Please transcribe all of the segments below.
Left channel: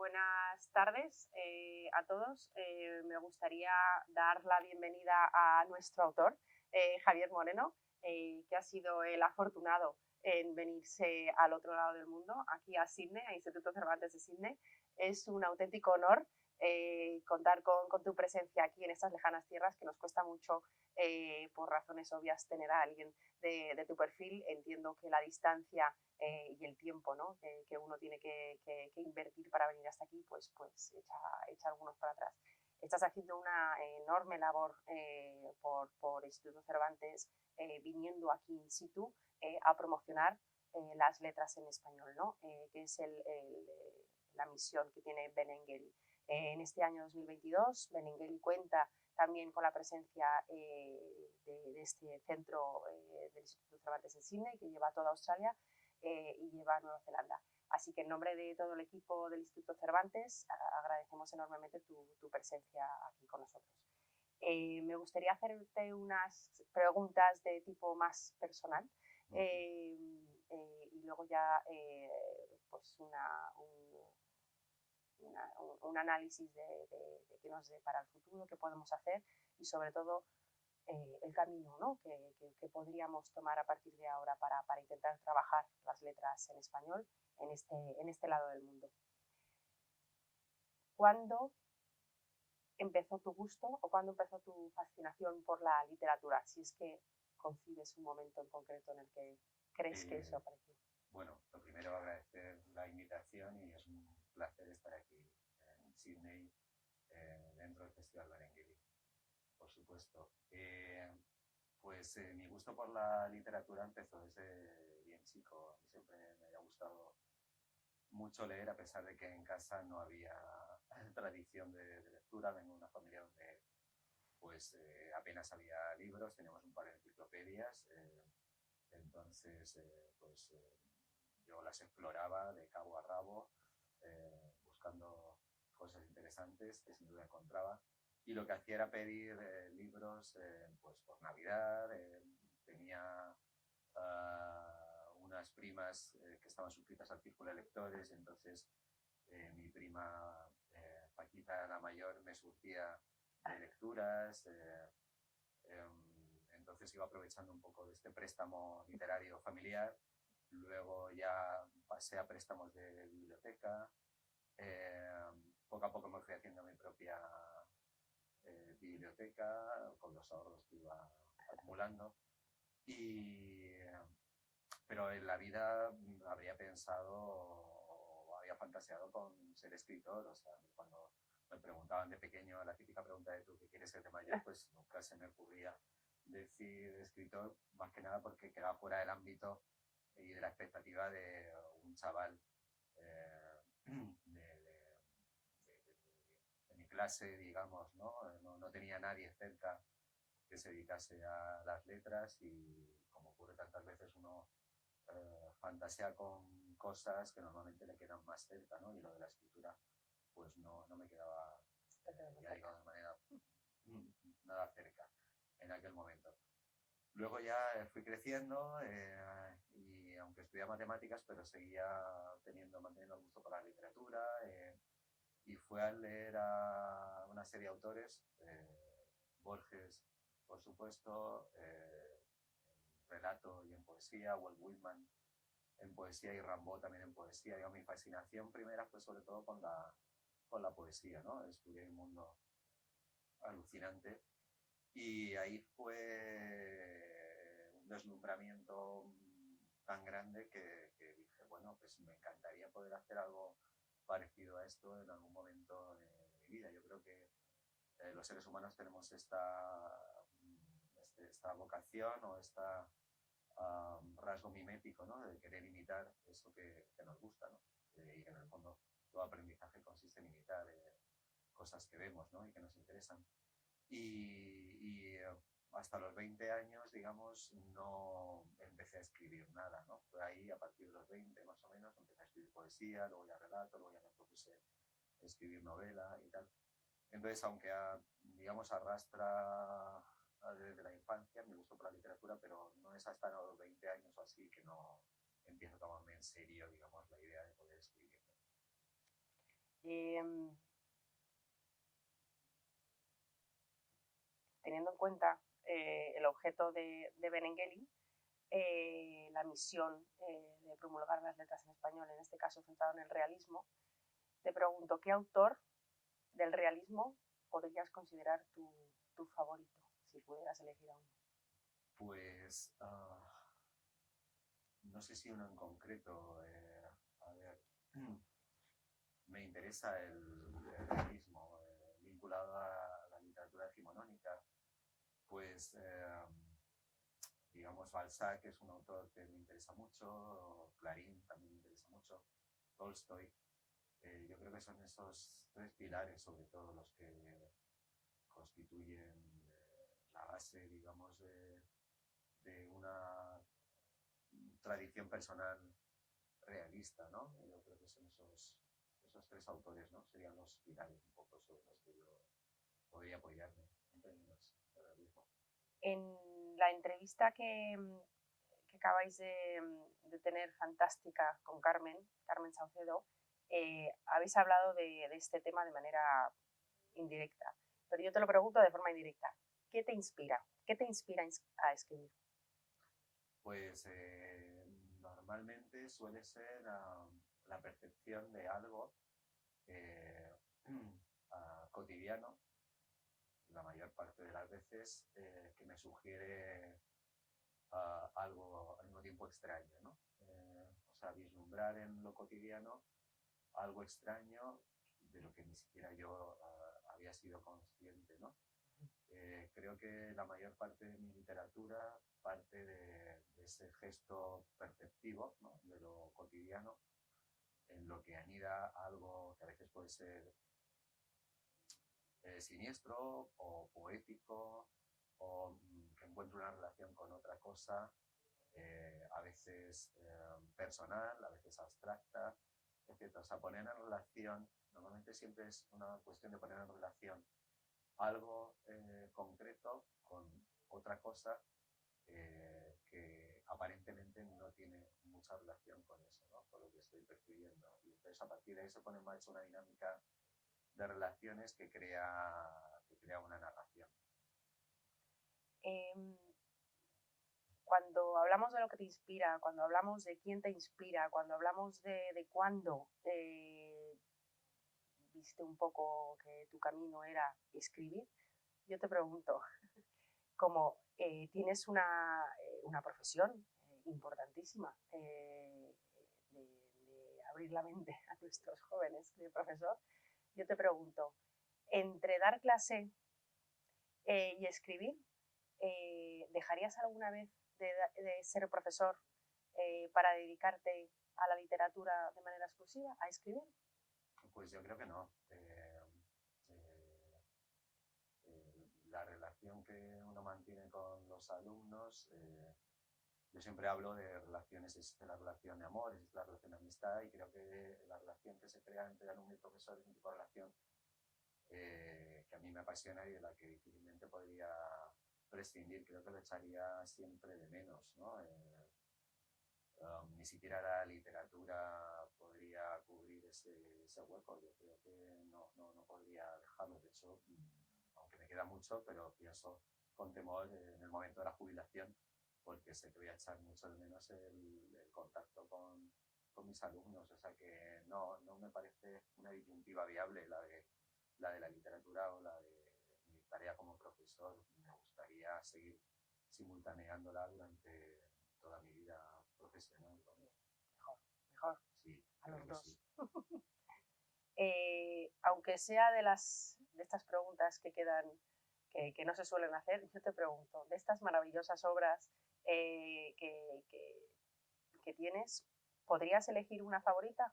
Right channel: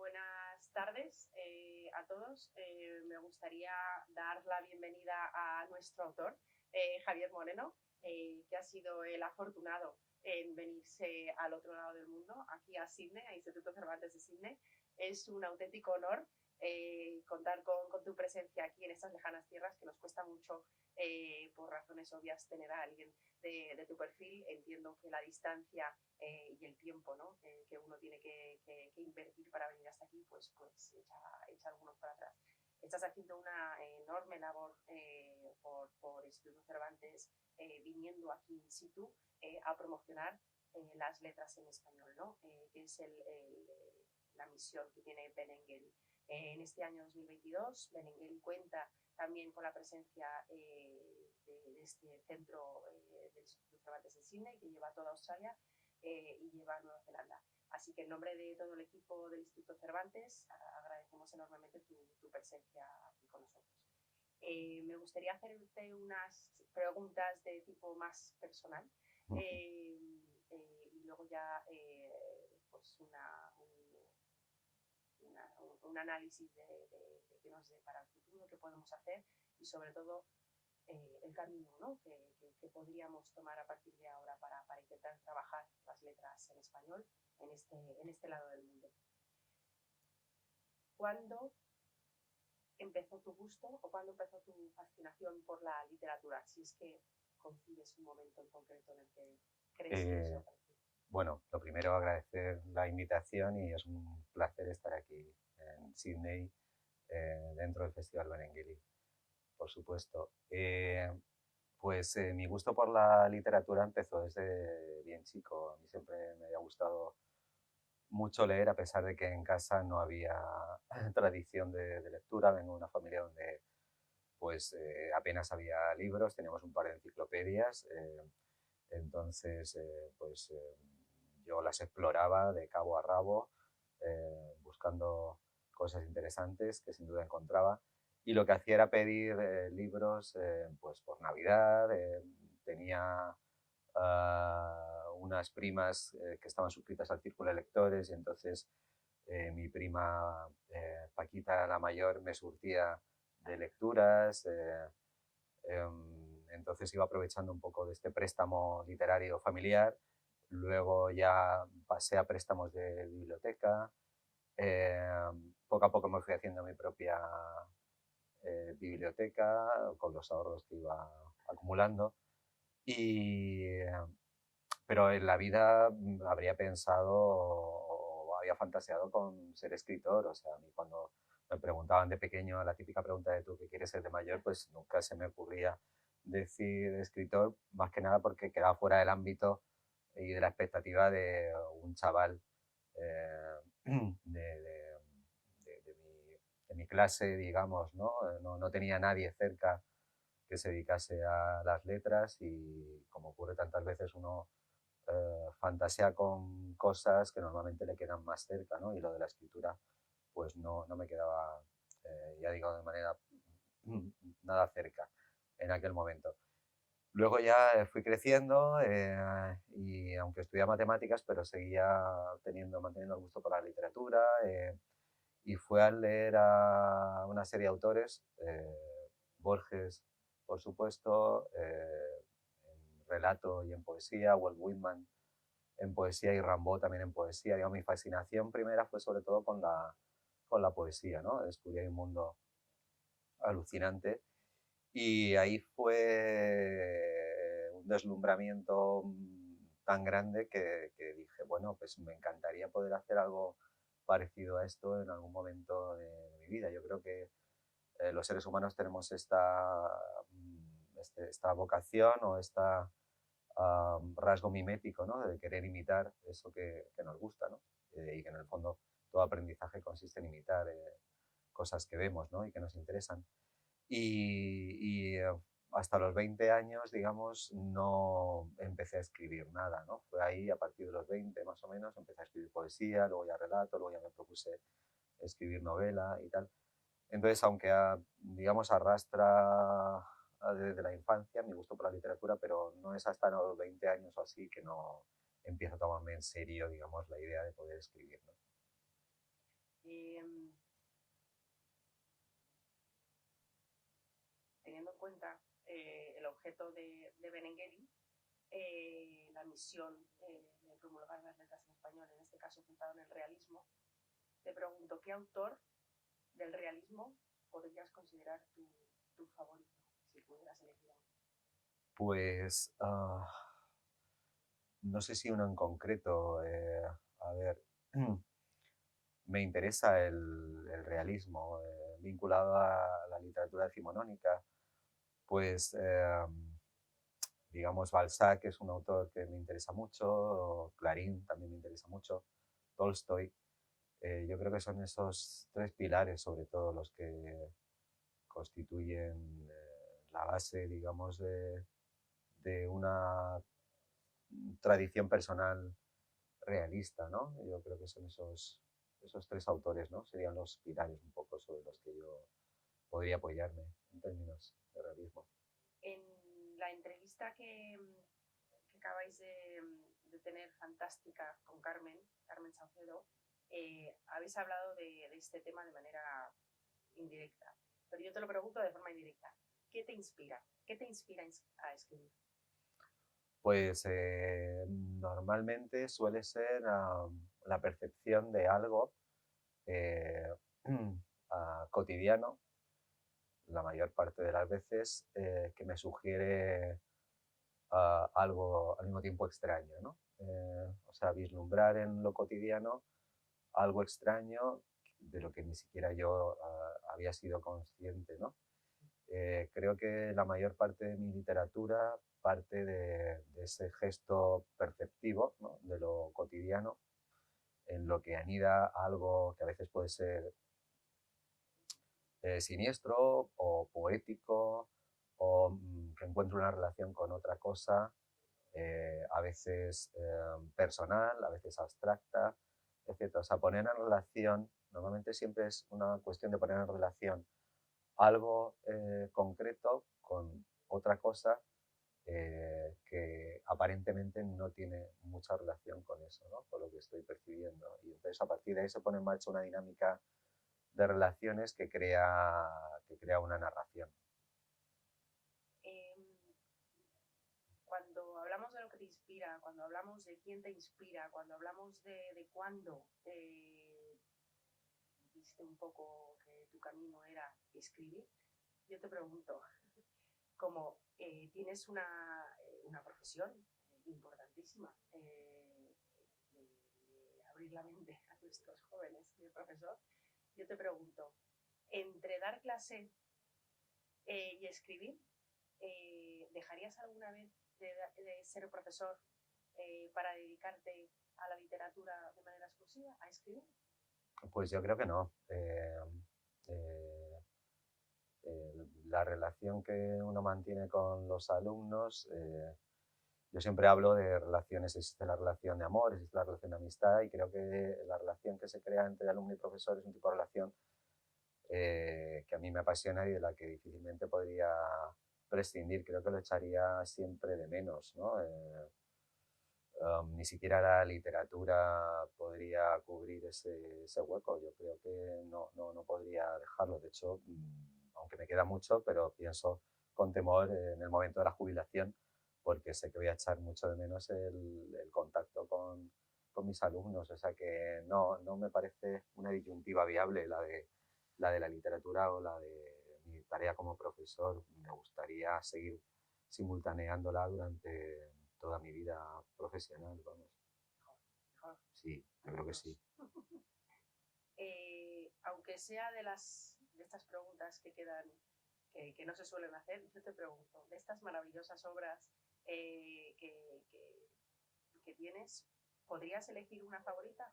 Buenas tardes a todos. Me gustaría dar la bienvenida a nuestro autor, Javier Moreno, que ha sido el afortunado en venirse al otro lado del mundo, aquí a Sydney, al Instituto Cervantes de Sydney. Es un auténtico honor contar con tu presencia aquí en estas lejanas tierras, que nos cuesta mucho, por razones obvias, tener a alguien de tu perfil. Entiendo que la distancia y el tiempo, ¿no?, que uno tiene que invertir para venir hasta aquí, pues echa algunos para atrás. Estás haciendo una enorme labor por Instituto Cervantes, viniendo aquí in situ a promocionar las letras en español, ¿no? Que es la misión que tiene Benengeli. En este año 2022, Benengeli cuenta también con la presencia de este centro del Instituto Cervantes en Sydney, que lleva a toda Australia y lleva a Nueva Zelanda. Así que en nombre de todo el equipo del Instituto Cervantes agradecemos enormemente tu presencia aquí con nosotros. Me gustaría hacerte unas preguntas de tipo más personal y luego ya pues un análisis de qué nos depara el futuro, qué podemos hacer y sobre todo el camino, ¿no?, que podríamos tomar a partir de ahora para intentar trabajar las letras en español en este lado del mundo. ¿Cuándo empezó tu gusto o cuándo empezó tu fascinación por la literatura? Si es que concibes un momento en concreto en el que crees que eso apareció. Bueno, lo primero, agradecer la invitación y es un placer estar aquí en Sydney, dentro del Festival Benengeli, por supuesto. Mi gusto por la literatura empezó desde bien chico. A mí siempre me había gustado mucho leer, a pesar de que en casa no había tradición de lectura. Vengo de una familia donde apenas había libros, teníamos un par de enciclopedias, entonces yo las exploraba de cabo a rabo, buscando cosas interesantes que sin duda encontraba, y lo que hacía era pedir libros pues por Navidad. Tenía unas primas que estaban suscritas al círculo de lectores, y entonces mi prima Paquita, la mayor, me surtía de lecturas. Entonces iba aprovechando un poco de este préstamo literario familiar. Luego ya pasé a préstamos de biblioteca. Poco a poco me fui haciendo mi propia biblioteca con los ahorros que iba acumulando. Pero en la vida habría pensado o había fantaseado con ser escritor. O sea, a mí cuando me preguntaban de pequeño la típica pregunta de tú qué quieres ser de mayor, pues nunca se me ocurría decir escritor, más que nada porque quedaba fuera del ámbito y de la expectativa de un chaval de mi clase, digamos, ¿no? No tenía nadie cerca que se dedicase a las letras, y como ocurre tantas veces, uno fantasea con cosas que normalmente le quedan más cerca, ¿no? Y lo de la escritura pues no me quedaba, ya digo, de manera nada cerca en aquel momento. Luego ya fui creciendo y aunque estudiaba matemáticas, pero seguía manteniendo el gusto por la literatura, y fue al leer a una serie de autores, Borges, por supuesto, en relato y en poesía, Walt Whitman en poesía y Rimbaud también en poesía. Digamos, mi fascinación primera fue sobre todo con la poesía, ¿no? Descubrí un mundo alucinante, y ahí fue un deslumbramiento tan grande que dije, bueno, pues me encantaría poder hacer algo parecido a esto en algún momento de mi vida. Yo creo que los seres humanos tenemos esta vocación o esta rasgo mimético, ¿no?, de querer imitar eso que nos gusta, ¿no? Y que en el fondo todo aprendizaje consiste en imitar cosas que vemos, ¿no?, y que nos interesan. Y hasta los 20 años, digamos, no empecé a escribir nada, ¿no? Fue ahí, a partir de los 20 más o menos, empecé a escribir poesía, luego ya relato, luego ya me propuse escribir novela y tal. Entonces, aunque digamos arrastra desde la infancia mi gusto por la literatura, pero no es hasta los 20 años o así que no empiezo a tomarme en serio, digamos, la idea de poder escribir, ¿no? teniendo en cuenta el objeto de Benengeli, la misión de promulgar las letras en español, en este caso centrado en el realismo, te pregunto, ¿qué autor del realismo podrías considerar tu favorito, si pudieras elegir a uno? Pues no sé si uno en concreto. A ver, me interesa el realismo vinculado a la literatura decimonónica. Pues, digamos, Balzac es un autor que me interesa mucho, Clarín también me interesa mucho, Tolstoy. Yo creo que son esos tres pilares, sobre todo, los que constituyen la base, digamos, de una tradición personal realista, ¿no? Yo creo que son esos tres autores, ¿no? Serían los pilares un poco sobre los que yo podría apoyarme en términos de realismo. En la entrevista que acabáis de tener fantástica con Carmen Saucedo, habéis hablado de este tema de manera indirecta, pero yo te lo pregunto de forma indirecta. ¿Qué te inspira? ¿Qué te inspira a escribir? Pues normalmente suele ser la percepción de algo cotidiano, la mayor parte de las veces, que me sugiere algo al mismo tiempo extraño, ¿no? O sea, vislumbrar en lo cotidiano algo extraño de lo que ni siquiera yo había sido consciente, ¿no? Creo que la mayor parte de mi literatura parte de ese gesto perceptivo, ¿no? De lo cotidiano, en lo que anida algo que a veces puede ser siniestro o poético o que encuentre una relación con otra cosa, a veces personal, a veces abstracta, etc. O sea, poner en relación, normalmente siempre es una cuestión de poner en relación algo concreto con otra cosa que aparentemente no tiene mucha relación con eso, ¿no? Con lo que estoy percibiendo. Y entonces a partir de ahí se pone en marcha una dinámica de relaciones que crea una narración. Cuando hablamos de lo que te inspira, cuando hablamos de quién te inspira, cuando hablamos de cuándo viste un poco que tu camino era escribir, yo te pregunto, como tienes una profesión importantísima de abrir la mente a nuestros jóvenes de profesor, yo te pregunto, entre dar clase y escribir, ¿dejarías alguna vez de ser profesor para dedicarte a la literatura de manera exclusiva, a escribir? Pues yo creo que no. La relación que uno mantiene con los alumnos, yo siempre hablo de relaciones, existe la relación de amor, existe la relación de amistad, y creo que la relación que se crea entre alumno y profesor es un tipo de relación que a mí me apasiona y de la que difícilmente podría prescindir. Creo que lo echaría siempre de menos, ¿no? Ni siquiera la literatura podría cubrir ese hueco. Yo creo que no podría dejarlo. De hecho, aunque me queda mucho, pero pienso con temor en el momento de la jubilación, porque sé que voy a echar mucho de menos el contacto con mis alumnos. O sea que no me parece una disyuntiva viable la de la literatura o la de mi tarea como profesor. Me gustaría seguir simultaneándola durante toda mi vida profesional, vamos. Mejor. Sí, creo que sí. Aunque sea de estas preguntas que quedan, que no se suelen hacer, yo te pregunto, de estas maravillosas obras que tienes, ¿podrías elegir una favorita?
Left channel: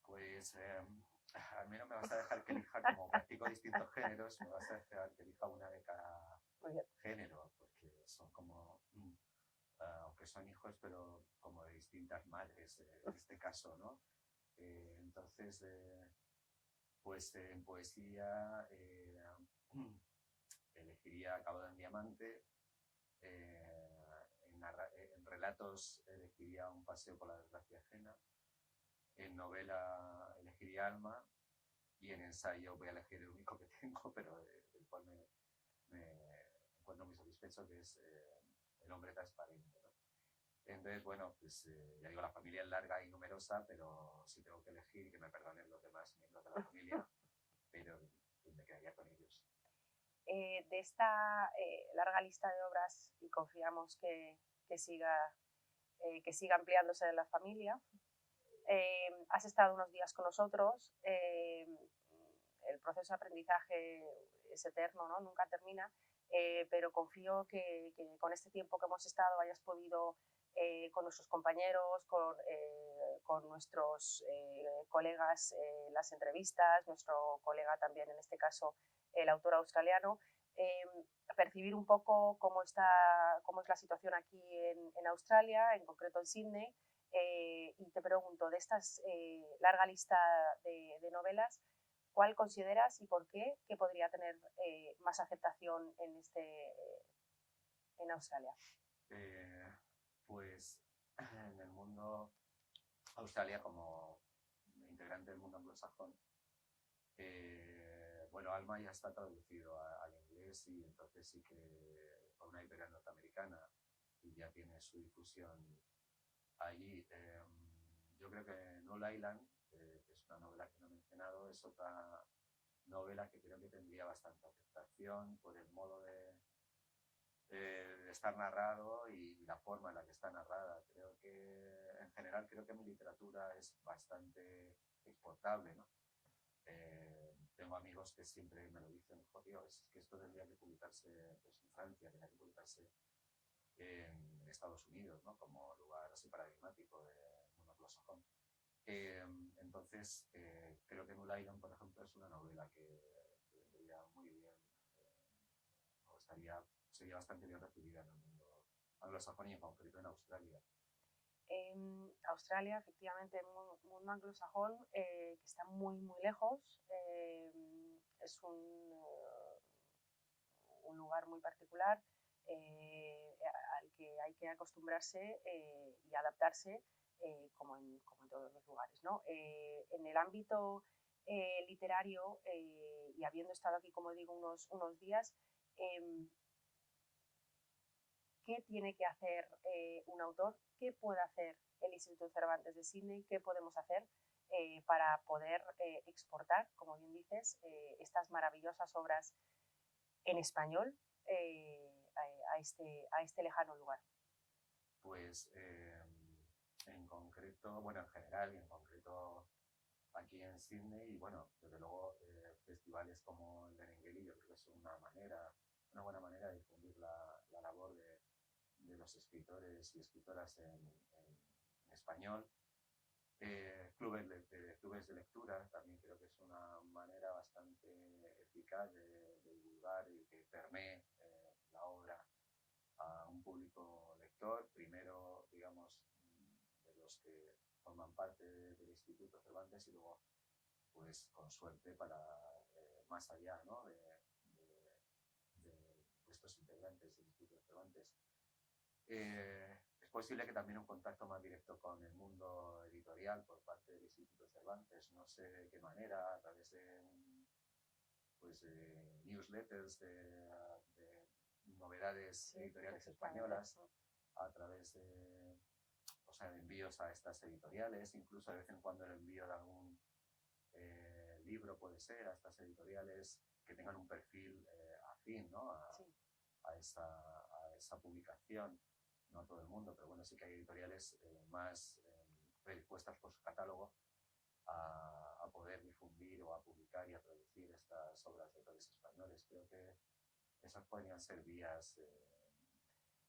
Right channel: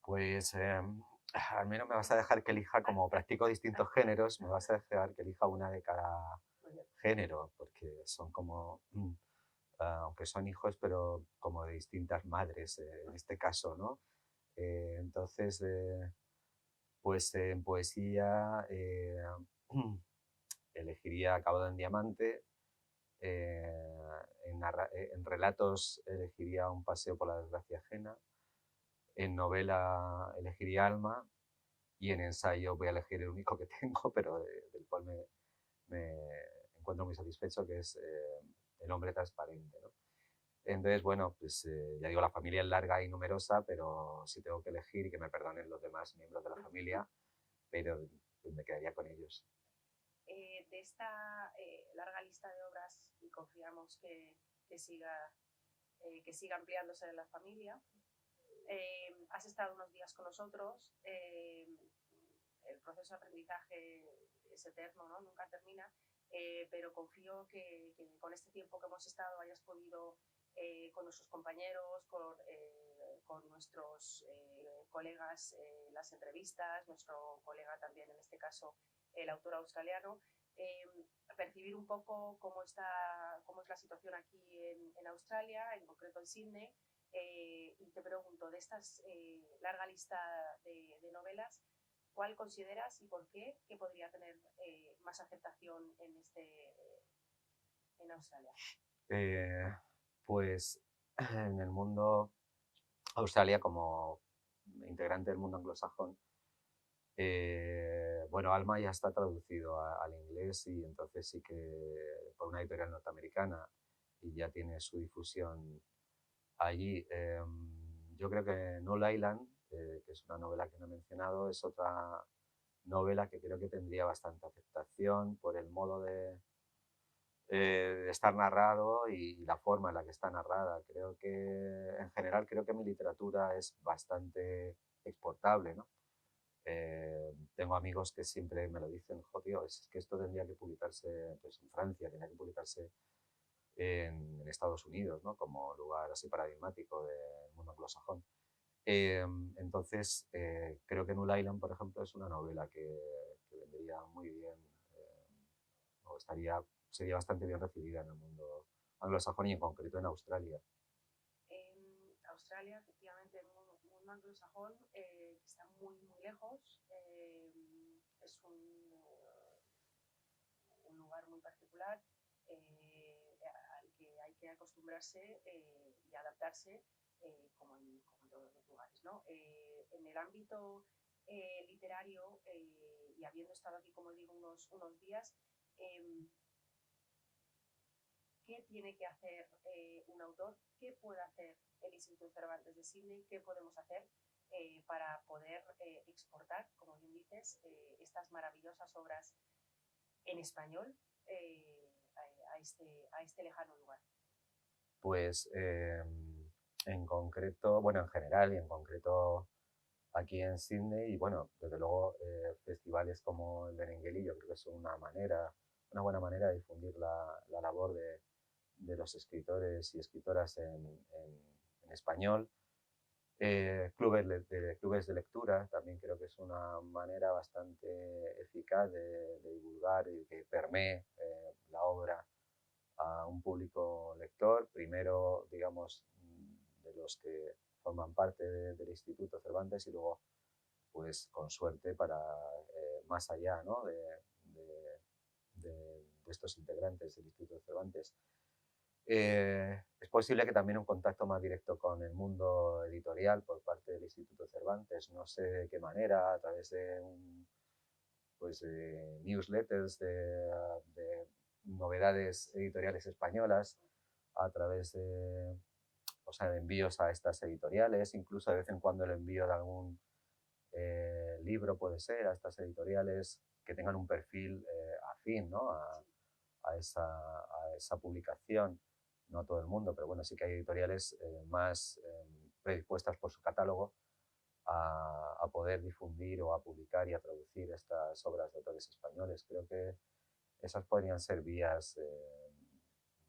Pues al menos me vas a dejar que elija, como practico distintos géneros, me vas a dejar que elija una de cada género, porque son como, aunque son hijos, pero como de distintas madres en este caso, ¿no? Entonces, pues en poesía elegiría Acabado en Diamante, en relatos elegiría Un paseo por la desgracia ajena, En novela elegiría Alma y en ensayo voy a elegir el único que tengo, pero del cual me encuentro muy satisfecho, que es El hombre transparente, ¿no? Entonces, bueno, pues ya digo, la familia es larga y numerosa, pero si tengo que elegir, y que me perdonen los demás miembros de la familia, pero pues, me quedaría con ellos. De esta larga lista de obras, y confiamos que siga ampliándose en la familia, has estado unos días con nosotros, el proceso de aprendizaje es eterno, ¿no? Nunca termina, pero confío que con este tiempo que hemos estado hayas podido, con nuestros compañeros, con nuestros colegas en las entrevistas, nuestro colega también en este caso, el autor australiano, percibir un poco cómo es la situación aquí en Australia, en concreto en Sydney. Y te pregunto, de esta larga lista de novelas, ¿cuál consideras y por qué que podría tener más aceptación en Australia? Pues en el mundo, Australia como integrante del mundo anglosajón, bueno, Alma ya está traducido al inglés y entonces sí que por una editorial norteamericana y ya tiene su difusión allí. Yo creo que Null Island, que es una novela que no he mencionado, es otra novela que creo que tendría bastante aceptación por el modo de estar narrado y la forma en la que está narrada. Creo que, en general, creo que mi literatura es bastante exportable, ¿no? Tengo amigos que siempre me lo dicen, joder, es que esto tendría que publicarse pues, en Francia, tendría que publicarse en Estados Unidos, ¿no? Como lugar así paradigmático del mundo anglosajón. Entonces, creo que Null Island, por ejemplo, es una novela que vendría muy bien, o sería bastante bien recibida en el mundo anglosajón y en concreto en Australia. En Australia, efectivamente, el mundo anglosajón, que está muy, muy lejos, es un lugar muy particular al que hay que acostumbrarse y adaptarse como en todos los lugares, ¿no? En el ámbito literario, y habiendo estado aquí, como digo, unos días, ¿qué tiene que hacer un autor? ¿Qué puede hacer el Instituto Cervantes de Sydney? ¿Qué podemos hacer para poder exportar, como bien dices, estas maravillosas obras en español a este lejano lugar? Pues en concreto, bueno, en general y en concreto aquí en Sydney, y bueno, desde luego festivales como el Benengeli, yo creo que es una buena manera de difundir la labor de los escritores y escritoras en español. Clubes de lectura también creo que es una manera bastante eficaz de divulgar y que permee la obra a un público lector, primero, digamos, de los que forman parte del Instituto Cervantes y luego, pues, con suerte para más allá, ¿no? de estos integrantes del Instituto Cervantes. Es posible que también un contacto más directo con el mundo editorial por parte del Instituto Cervantes, no sé de qué manera, a través de newsletters, de novedades editoriales españolas, a través de, o sea, de envíos a estas editoriales, incluso de vez en cuando el envío de algún libro puede ser a estas editoriales que tengan un perfil afín, ¿no? a esa publicación. No a todo el mundo, pero bueno, sí que hay editoriales más predispuestas por su catálogo a poder difundir o a publicar y a traducir estas obras de autores españoles. Creo que esas podrían ser vías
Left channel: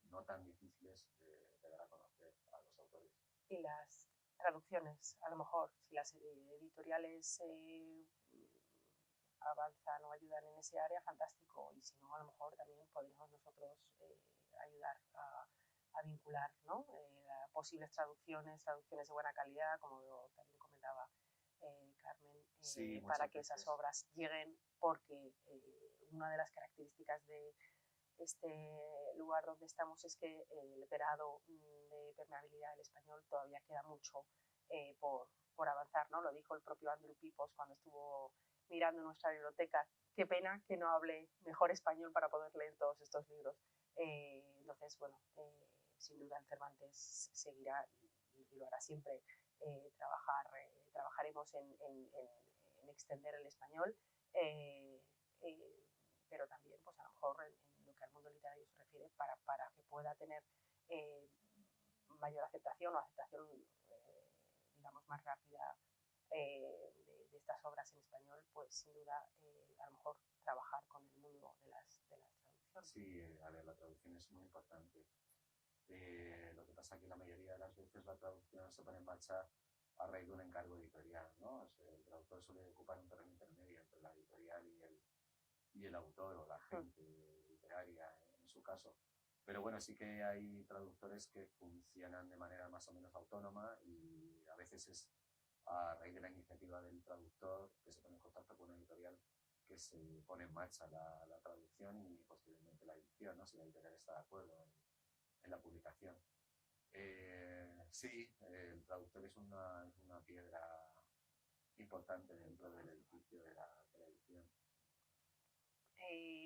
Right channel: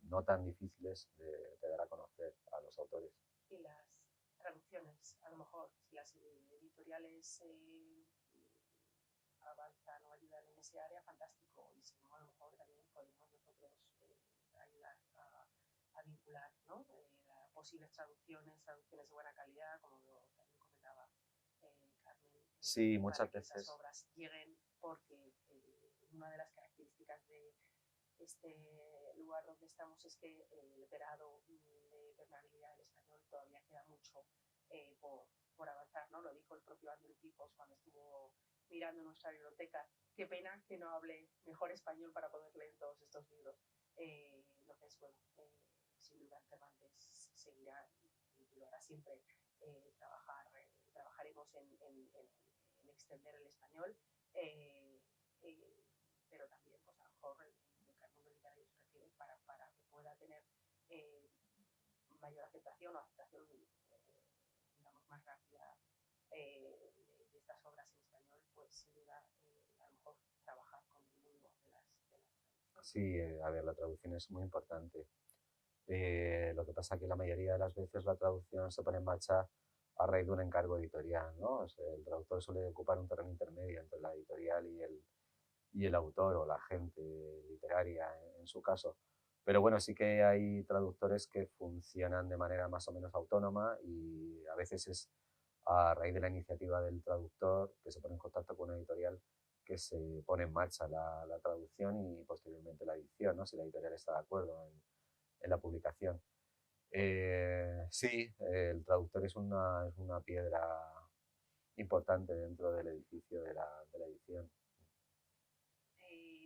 no tan difíciles de dar a conocer a los autores. Y las traducciones, a lo mejor, si las editoriales avanzan o ayudan en ese área, fantástico. Y si no, a lo mejor también podemos nosotros ayudar a vincular, ¿no? Posibles traducciones de buena calidad, como también comentaba Carmen, Sí, para muchas que veces. esas obras lleguen, porque una de las características este lugar donde estamos es que el grado de permeabilidad del español todavía queda mucho por avanzar, ¿no? Lo dijo el propio Andrew Pipos cuando estuvo mirando nuestra biblioteca. Qué pena que no hable mejor español para poder leer todos estos libros. Entonces, bueno, sin duda en Cervantes seguirá y lo hará siempre. Trabajaremos en extender el español, pero también, pues a lo mejor en lo que al mundo literario se refiere, para que pueda tener mayor aceptación o aceptación, digamos, más rápida de estas obras en español, pues sin duda, a lo mejor trabajar con el mundo de las traducciones. Sí, a ver, la traducción es muy importante. Lo que pasa es que la mayoría de las veces la traducción se pone en marcha a raíz de un encargo editorial, ¿no? O sea, el traductor suele ocupar un terreno intermedio entre la editorial y el autor o la gente literaria en su caso. Pero bueno, sí que hay traductores que funcionan de manera más o menos autónoma y a veces es a raíz de la iniciativa del traductor que se pone en contacto con una editorial que se pone en marcha la traducción y posteriormente la edición, ¿no? Si la editorial está de acuerdo en la publicación. Sí, el traductor es una piedra importante dentro del edificio de la edición.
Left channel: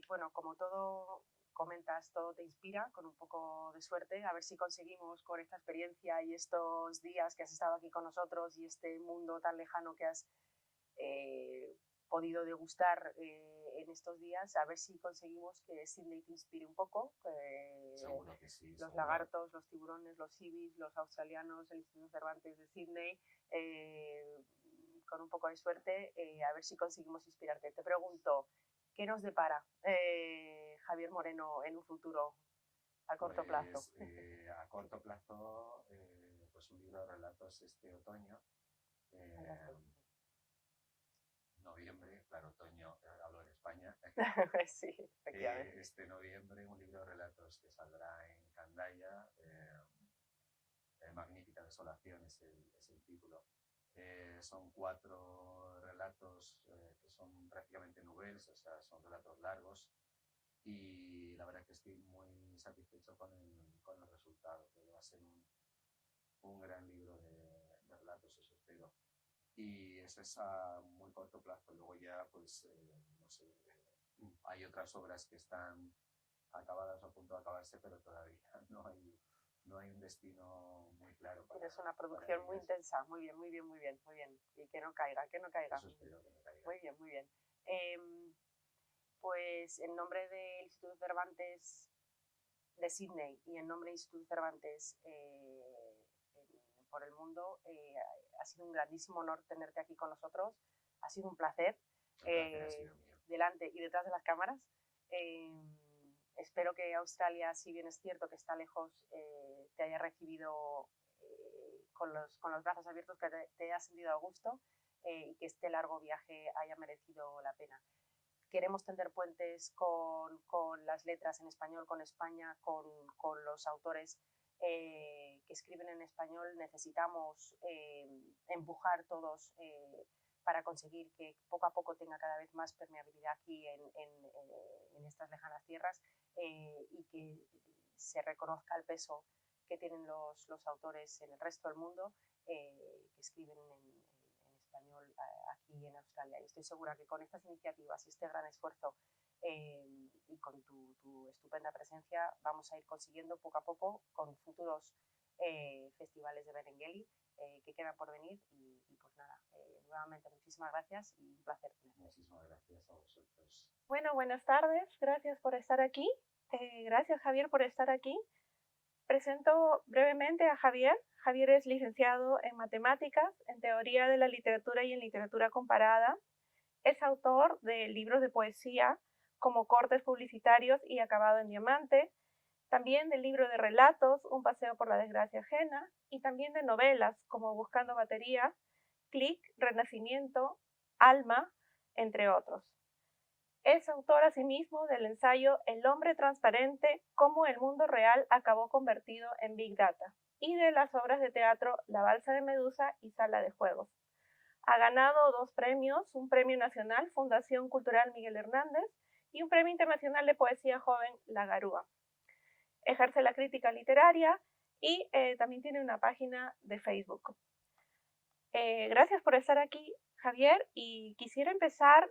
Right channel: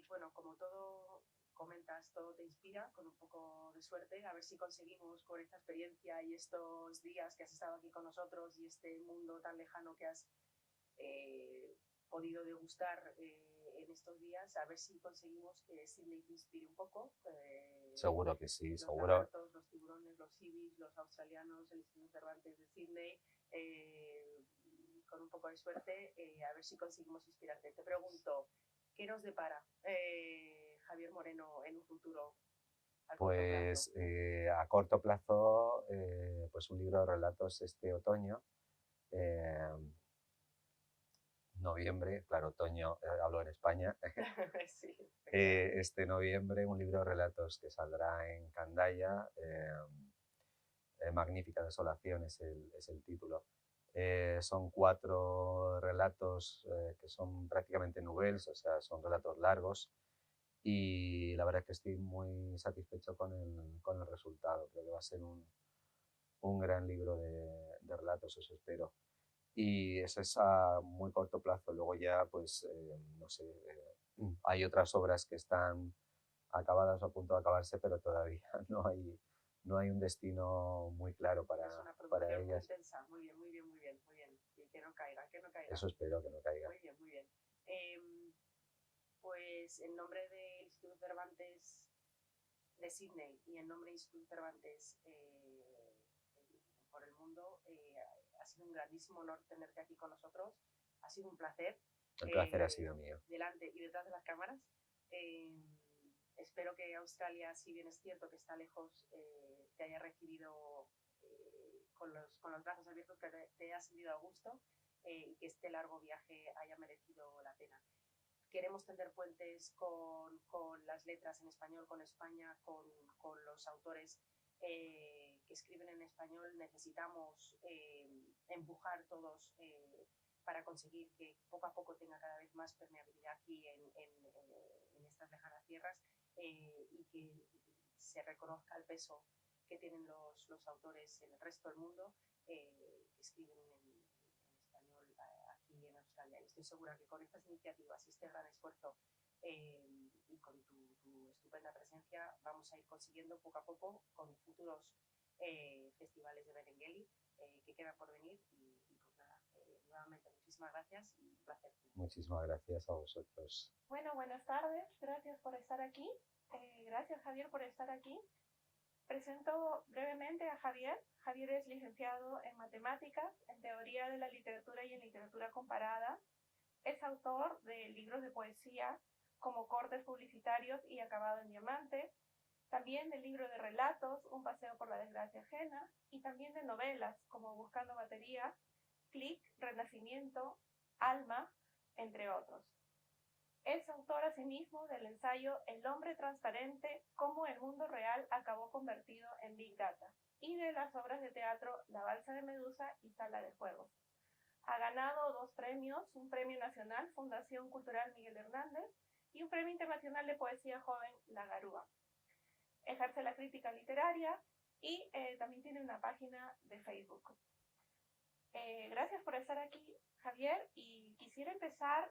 Bueno, como todo comentas, todo te inspira, con un poco de suerte, a ver si conseguimos con esta experiencia y estos días que has estado aquí con nosotros y este mundo tan lejano que has podido degustar en estos días, a ver si conseguimos que Sydney te inspire un poco. Seguro que sí, los seguro. lagartos, los tiburones, los ibis, los australianos, el Instituto Cervantes de Sydney, con un poco de suerte, a ver si conseguimos inspirarte. Te pregunto, ¿qué nos depara Javier Moreno en un futuro a corto plazo? A corto plazo, pues un libro de relatos este otoño, noviembre, claro, otoño, hablo en España. Sí, este noviembre un libro de relatos que saldrá en Candaya, Magnífica Desolación es el título. Son 4 relatos que son prácticamente novelas, o sea, son relatos largos y la verdad es que estoy muy satisfecho con el resultado. Creo que va a ser un gran libro de relatos, eso espero. Y eso es a muy corto plazo. Luego ya, pues, no sé, hay otras obras que están acabadas o a punto de acabarse, pero todavía no hay un destino muy claro para ellas. Es una producción muy intensa, muy bien, muy bien, muy bien, muy bien. Y que no caiga, que no caiga. Eso espero, que no caiga. Muy bien, muy bien. Pues en nombre del Instituto Cervantes de Sydney y en nombre del Instituto Cervantes por el mundo, ha sido un grandísimo honor tenerte aquí con nosotros. Ha sido un placer. El placer ha sido mío. Delante y detrás de las cámaras. Espero que Australia, si bien es cierto que está lejos, te haya recibido con los brazos abiertos, que te haya sentido a gusto y que este largo viaje haya merecido la pena. Queremos tender puentes con las letras en español, con España, con los autores que escriben en español. Necesitamos empujar todos para conseguir que poco a poco tenga cada vez más permeabilidad aquí en estas lejanas tierras y que se reconozca el peso que tienen los autores en el resto del mundo que escriben en español aquí en Australia. Y estoy segura que con estas iniciativas y este gran esfuerzo y con tu estupenda presencia vamos a ir consiguiendo poco a poco con futuros festivales de Berengeli que quedan por venir y pues nada, nuevamente muchísimas gracias y un placer. Muchísimas gracias a vosotros. Bueno, buenas tardes, gracias por estar aquí. Gracias, Javier, por estar aquí. Presento brevemente a Javier. Javier es licenciado en Matemáticas, en Teoría de la Literatura y en Literatura Comparada. Es autor de libros de poesía como Cortes Publicitarios y Acabado en Diamante, también del libro de relatos Un paseo por la desgracia ajena y también de novelas como Buscando batería, Clic, Renacimiento, Alma, entre otros. Es autor asimismo del ensayo El hombre transparente, cómo el mundo real acabó convertido en Big Data, y de las obras de teatro La balsa de Medusa y Sala de Juegos. Ha ganado 2 premios, un premio nacional Fundación Cultural Miguel Hernández y un Premio Internacional de Poesía Joven La Garúa. Ejerce la crítica literaria y también tiene una página de Facebook. Gracias por estar aquí, Javier, y quisiera empezar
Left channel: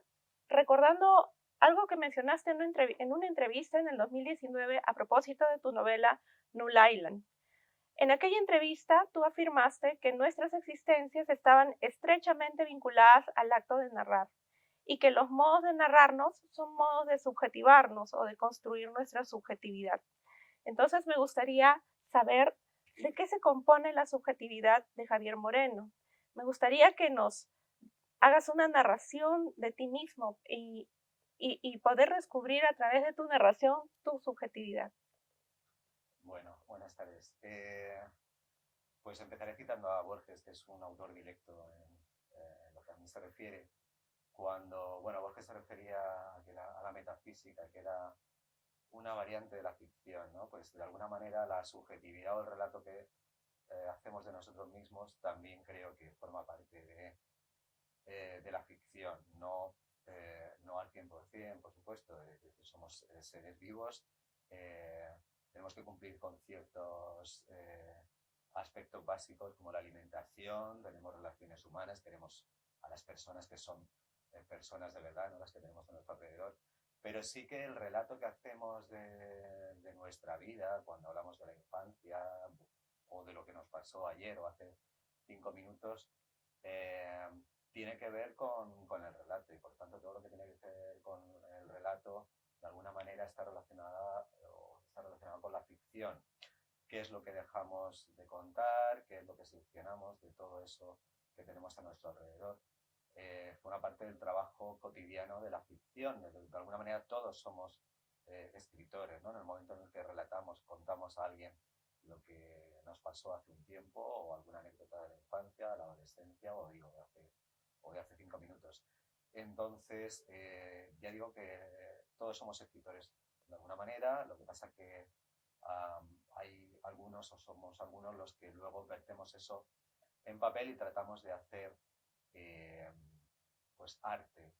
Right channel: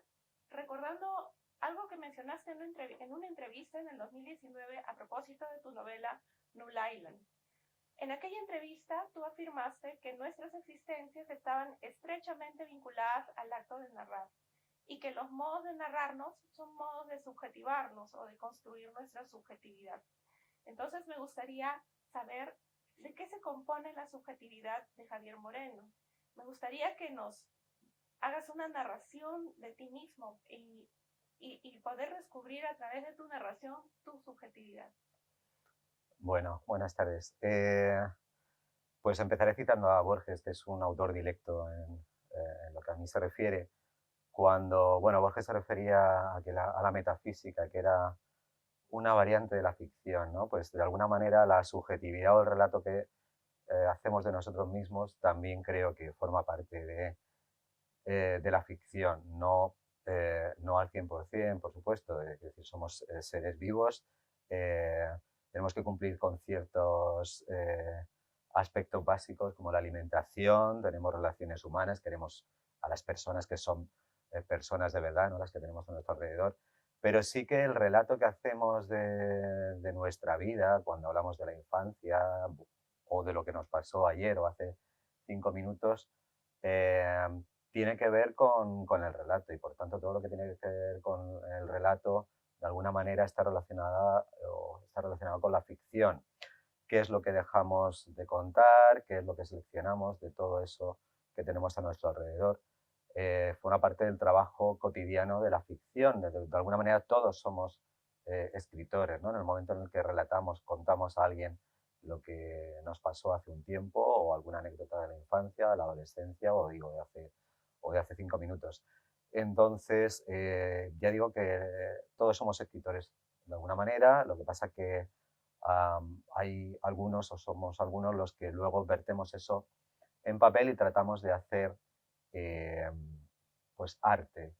recordando algo que mencionaste en una entrevista en el 2019 a propósito de tu novela Null Island. En aquella entrevista tú afirmaste que nuestras existencias estaban estrechamente vinculadas al acto de narrar y que los modos de narrarnos son modos de subjetivarnos o de construir nuestra subjetividad. Entonces me gustaría saber de qué se compone la subjetividad de Javier Moreno. Me gustaría que nos hagas una narración de ti mismo y poder descubrir a través de tu narración tu subjetividad. Bueno, buenas tardes. Pues empezaré citando a Borges, que es un autor directo en lo que a mí se refiere. Cuando, bueno, Borges se refería a la metafísica, que era una variante de la ficción, ¿no? Pues de alguna manera la subjetividad o el relato que hacemos de nosotros mismos también creo que forma parte de la ficción, no al 100%, por supuesto, es decir, somos seres vivos, tenemos que cumplir con ciertos aspectos básicos como la alimentación, tenemos relaciones humanas, queremos a las personas que son personas de verdad, ¿no? Las que tenemos a nuestro alrededor, pero sí que el relato que hacemos de nuestra vida, cuando hablamos de la infancia o de lo que nos pasó ayer o hace 5 minutos, tiene que ver con el relato y por tanto todo lo que tiene que ver con el relato de alguna manera está relacionado con la ficción. ¿Qué es lo que dejamos de contar? ¿Qué es lo que seleccionamos de todo eso que tenemos a nuestro alrededor? Forma parte del trabajo cotidiano de la ficción. De alguna manera todos somos escritores, ¿no? En el momento en el que relatamos, contamos a alguien lo que nos pasó hace un tiempo o alguna anécdota de la infancia, de la adolescencia o de hace 5 minutos. Entonces, ya digo que todos somos escritores de alguna manera, lo que pasa que hay algunos o somos algunos los que luego vertemos eso en papel y tratamos de hacer pues arte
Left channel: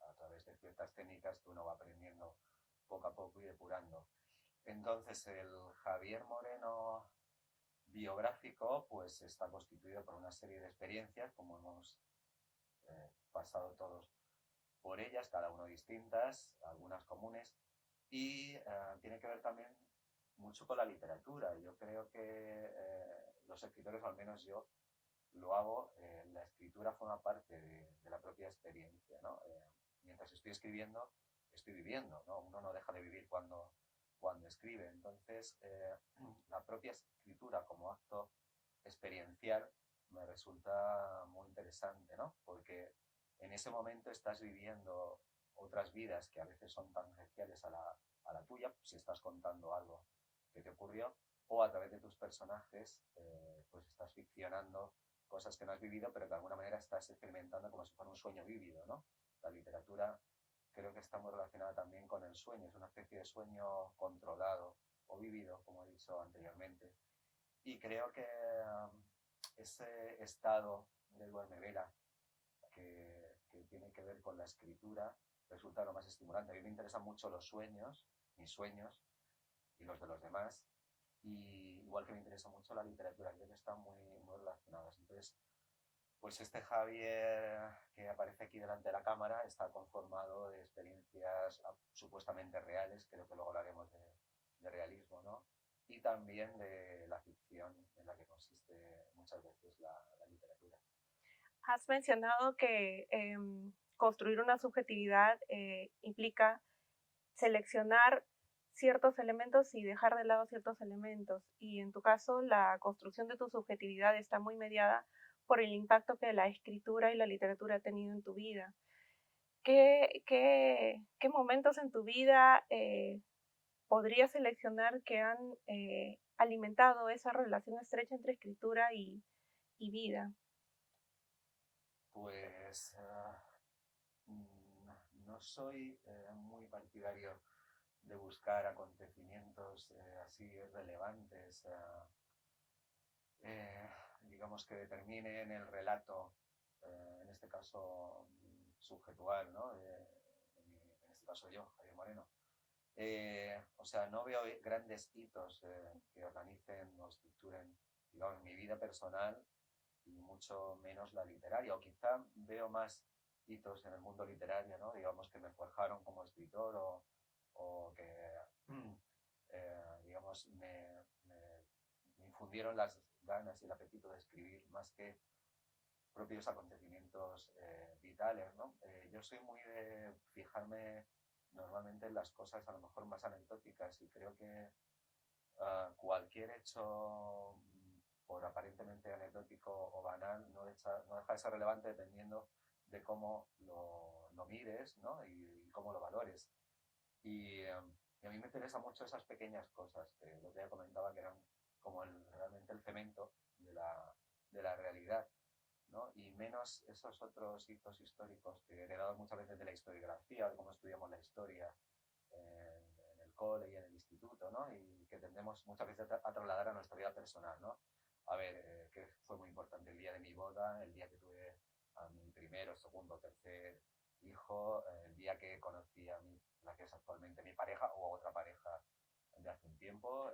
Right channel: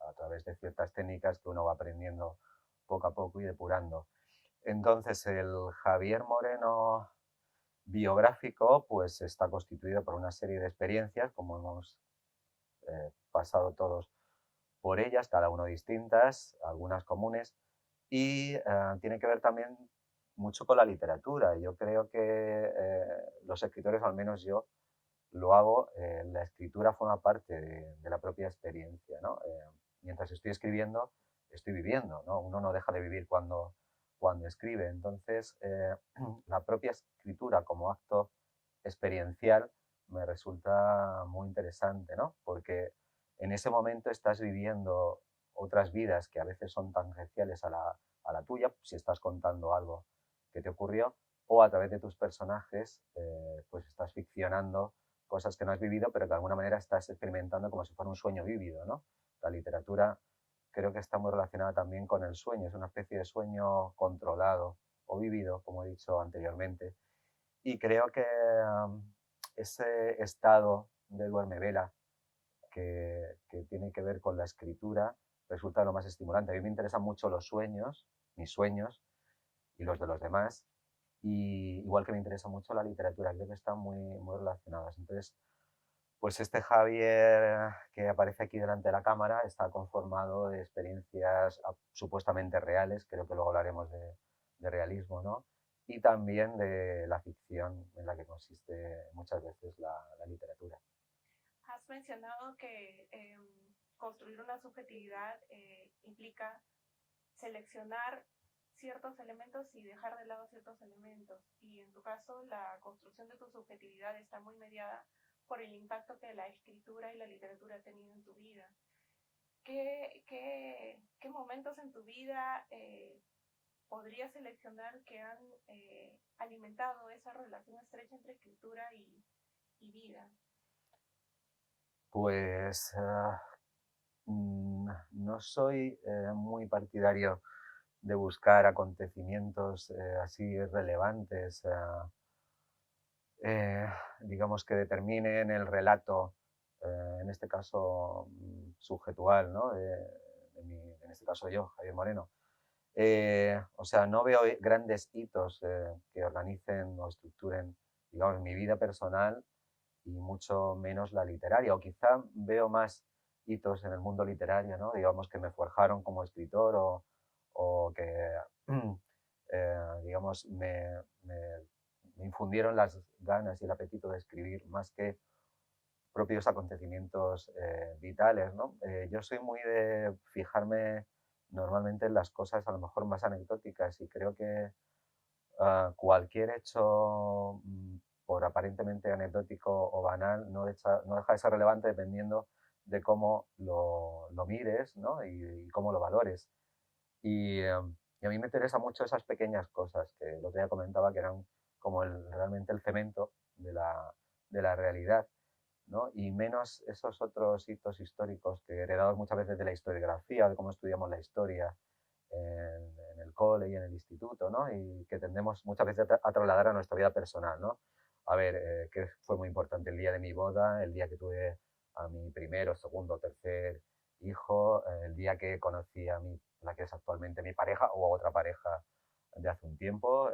a través de ciertas técnicas que uno va aprendiendo poco a poco y depurando. Entonces, el Javier Moreno biográfico pues está constituido por una serie de experiencias, como hemos pasado todos por ellas, cada uno distintas, algunas comunes, y tiene que ver también mucho con la literatura. Yo creo que los escritores, al menos yo, lo hago, la escritura forma parte de la propia experiencia, ¿no? Mientras estoy escribiendo, estoy viviendo, ¿no? Uno no deja de vivir cuando escribe. Entonces, la propia escritura como acto experiencial me resulta muy interesante, ¿no? Porque en ese momento estás viviendo otras vidas que a veces son tangenciales a la tuya, si estás contando algo que te ocurrió, o a través de tus personajes, pues estás ficcionando cosas que no has vivido, pero que de alguna manera estás experimentando como si fuera un sueño vívido, ¿no? La literatura creo que está muy relacionada también con el sueño, es una especie de sueño controlado o vivido, como he dicho anteriormente. Y creo que ese estado de duermevela que tiene que ver con la escritura resulta lo más estimulante. A mí me interesan mucho los sueños, mis sueños y los de los demás, y igual que me interesa mucho la literatura, creo que están muy relacionadas. Entonces, pues este Javier que aparece aquí delante de la cámara está conformado de experiencias supuestamente reales, creo que luego hablaremos de realismo, ¿no? Y también de la ficción en la que consiste muchas veces la literatura. Has mencionado que construir una subjetividad implica seleccionar ciertos elementos y dejar de lado ciertos elementos. Y en tu caso, la construcción de tu subjetividad está muy mediada por el impacto que la escritura y la literatura ha tenido en tu vida. ¿Qué momentos en tu vida podrías seleccionar que han alimentado esa relación estrecha entre escritura y vida? Pues no soy muy partidario de buscar acontecimientos así relevantes, digamos que determinen el relato, en este caso subjetual, ¿no? de en este caso yo, Javier Moreno. O sea, no veo grandes hitos que organicen o estructuren, digamos, mi vida personal y mucho menos la literaria. O quizá veo más hitos en el mundo literario, ¿no? Digamos, que me forjaron como escritor o que, digamos, me infundieron las ganas y el apetito de escribir más que propios acontecimientos vitales, ¿no? Yo soy muy de fijarme normalmente en las cosas a lo mejor más anecdóticas y creo que cualquier hecho, por aparentemente anecdótico o banal, no deja de ser relevante dependiendo de cómo lo mires, ¿no? y cómo lo valores. Y a mí me interesan mucho esas pequeñas cosas que el otro día comentaba que eran como realmente el cemento de la realidad, ¿no? Y menos esos otros hitos históricos que heredados muchas veces de la historiografía, de cómo estudiamos la historia en el cole y en el instituto, ¿no? Y que tendemos muchas veces a trasladar a nuestra vida personal, ¿no? A ver, ¿qué fue muy importante? El día de mi boda, el día que tuve a mi primero, segundo, tercer hijo, el día que conocí a la que es actualmente mi pareja o otra pareja de hace un tiempo.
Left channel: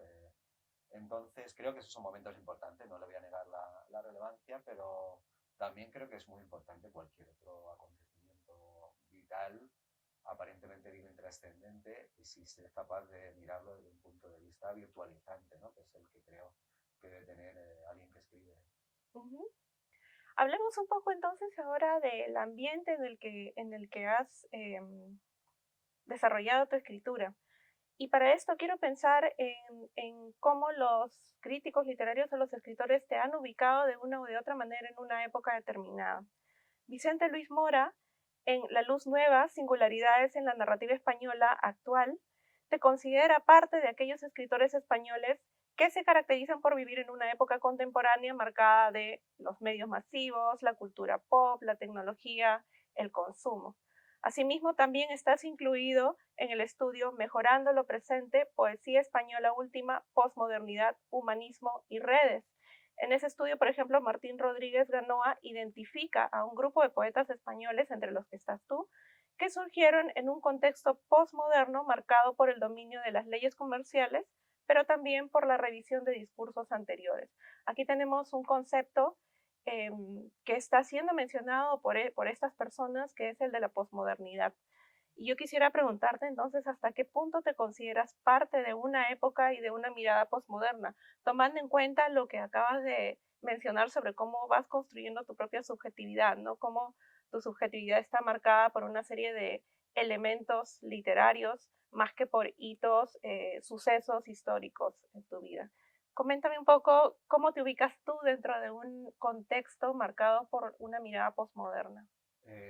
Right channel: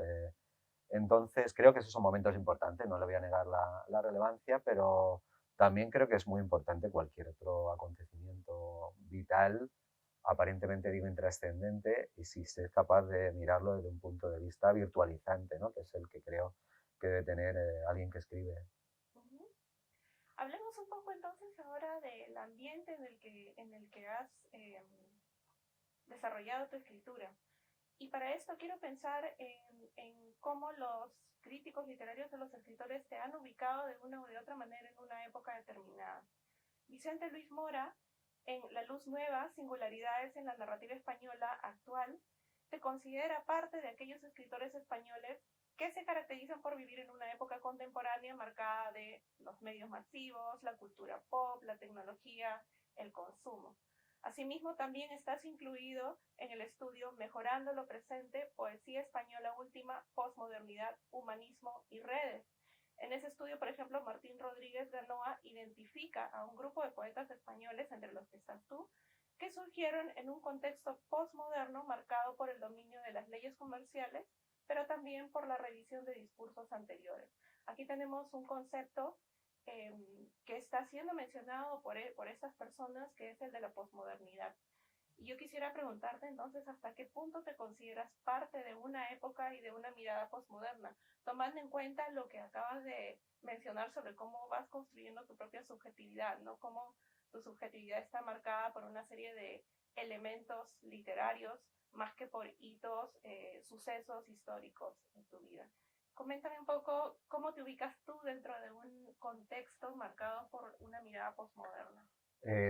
Entonces, creo que esos son momentos importantes, no le voy a negar la relevancia, pero también creo que es muy importante cualquier otro acontecimiento vital, aparentemente digo intrascendente, y si se es capaz de mirarlo desde un punto de vista virtualizante, ¿no? Que es el que creo que debe tener alguien que escribe. Uh-huh. Hablemos un poco entonces ahora del ambiente en el que has desarrollado tu escritura. Y para esto quiero pensar en cómo los críticos literarios o los escritores te han ubicado de una u de otra manera en una época determinada. Vicente Luis Mora, en La Luz Nueva, Singularidades en la Narrativa Española Actual, te considera parte de aquellos escritores españoles que se caracterizan por vivir en una época contemporánea marcada de los medios masivos, la cultura pop, la tecnología, el consumo. Asimismo, también estás incluido en el estudio Mejorando lo Presente, Poesía Española Última, Postmodernidad, Humanismo y Redes. En ese estudio, por ejemplo, Martín Rodríguez Ganoa identifica a un grupo de poetas españoles, entre los que estás tú, que surgieron en un contexto postmoderno marcado por el dominio de las leyes comerciales, pero también por la revisión de discursos anteriores. Aquí tenemos un concepto que está siendo mencionado por estas personas, que es el de la posmodernidad. Y yo quisiera preguntarte entonces, ¿hasta qué punto te consideras parte de una época y de una mirada posmoderna, tomando en cuenta lo que acabas de mencionar sobre cómo vas construyendo tu propia subjetividad, ¿no? Cómo tu subjetividad está marcada por una serie de elementos literarios más que por hitos, sucesos históricos en tu vida. Coméntame un poco cómo te ubicas tú dentro de un contexto marcado por una mirada posmoderna.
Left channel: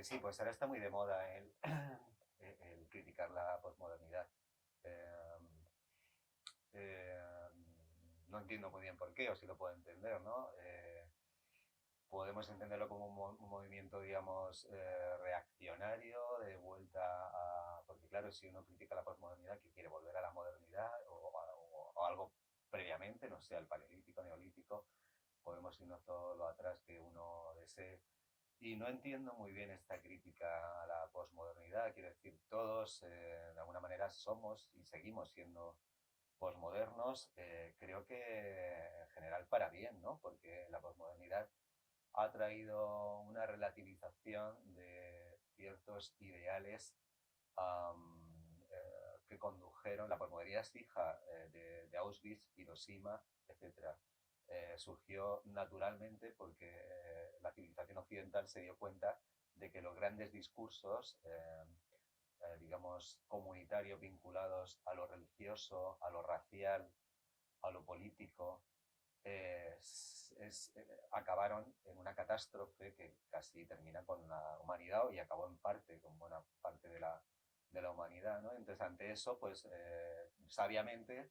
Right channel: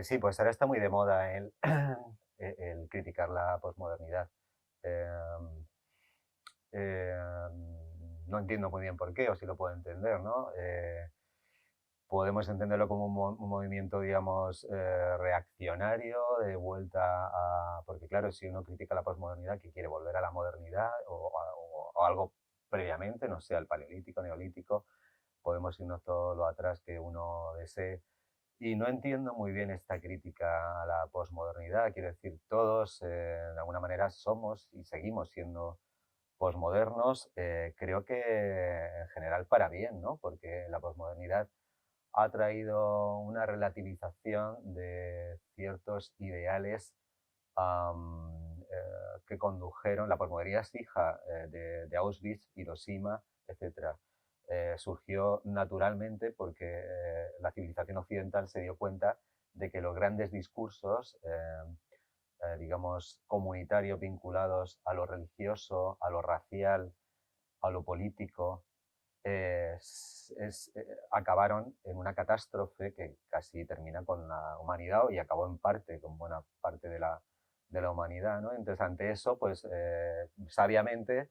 Sí, pues ahora está muy de moda el criticar la posmodernidad. No entiendo muy bien por qué, o si lo puedo entender, ¿no? Podemos entenderlo como un movimiento, digamos, reaccionario, de vuelta a... Porque claro, si uno critica la posmodernidad, que quiere volver a la modernidad o algo previamente, no sé, al paleolítico, neolítico, podemos irnos todo lo atrás que uno desee. Y no entiendo muy bien esta crítica a la posmodernidad. Quiero decir, todos de alguna manera somos y seguimos siendo posmodernos. Creo que en general para bien, ¿no? Porque la posmodernidad ha traído una relativización de ciertos ideales que condujeron, la posmodernidad es hija de Auschwitz, Hiroshima, etc. Surgió naturalmente porque la civilización occidental se dio cuenta de que los grandes discursos, digamos, comunitarios vinculados a lo religioso, a lo racial, a lo político, acabaron en una catástrofe que casi termina con la humanidad y acabó en parte con buena parte de la humanidad, ¿no? Entonces, ante eso, pues sabiamente,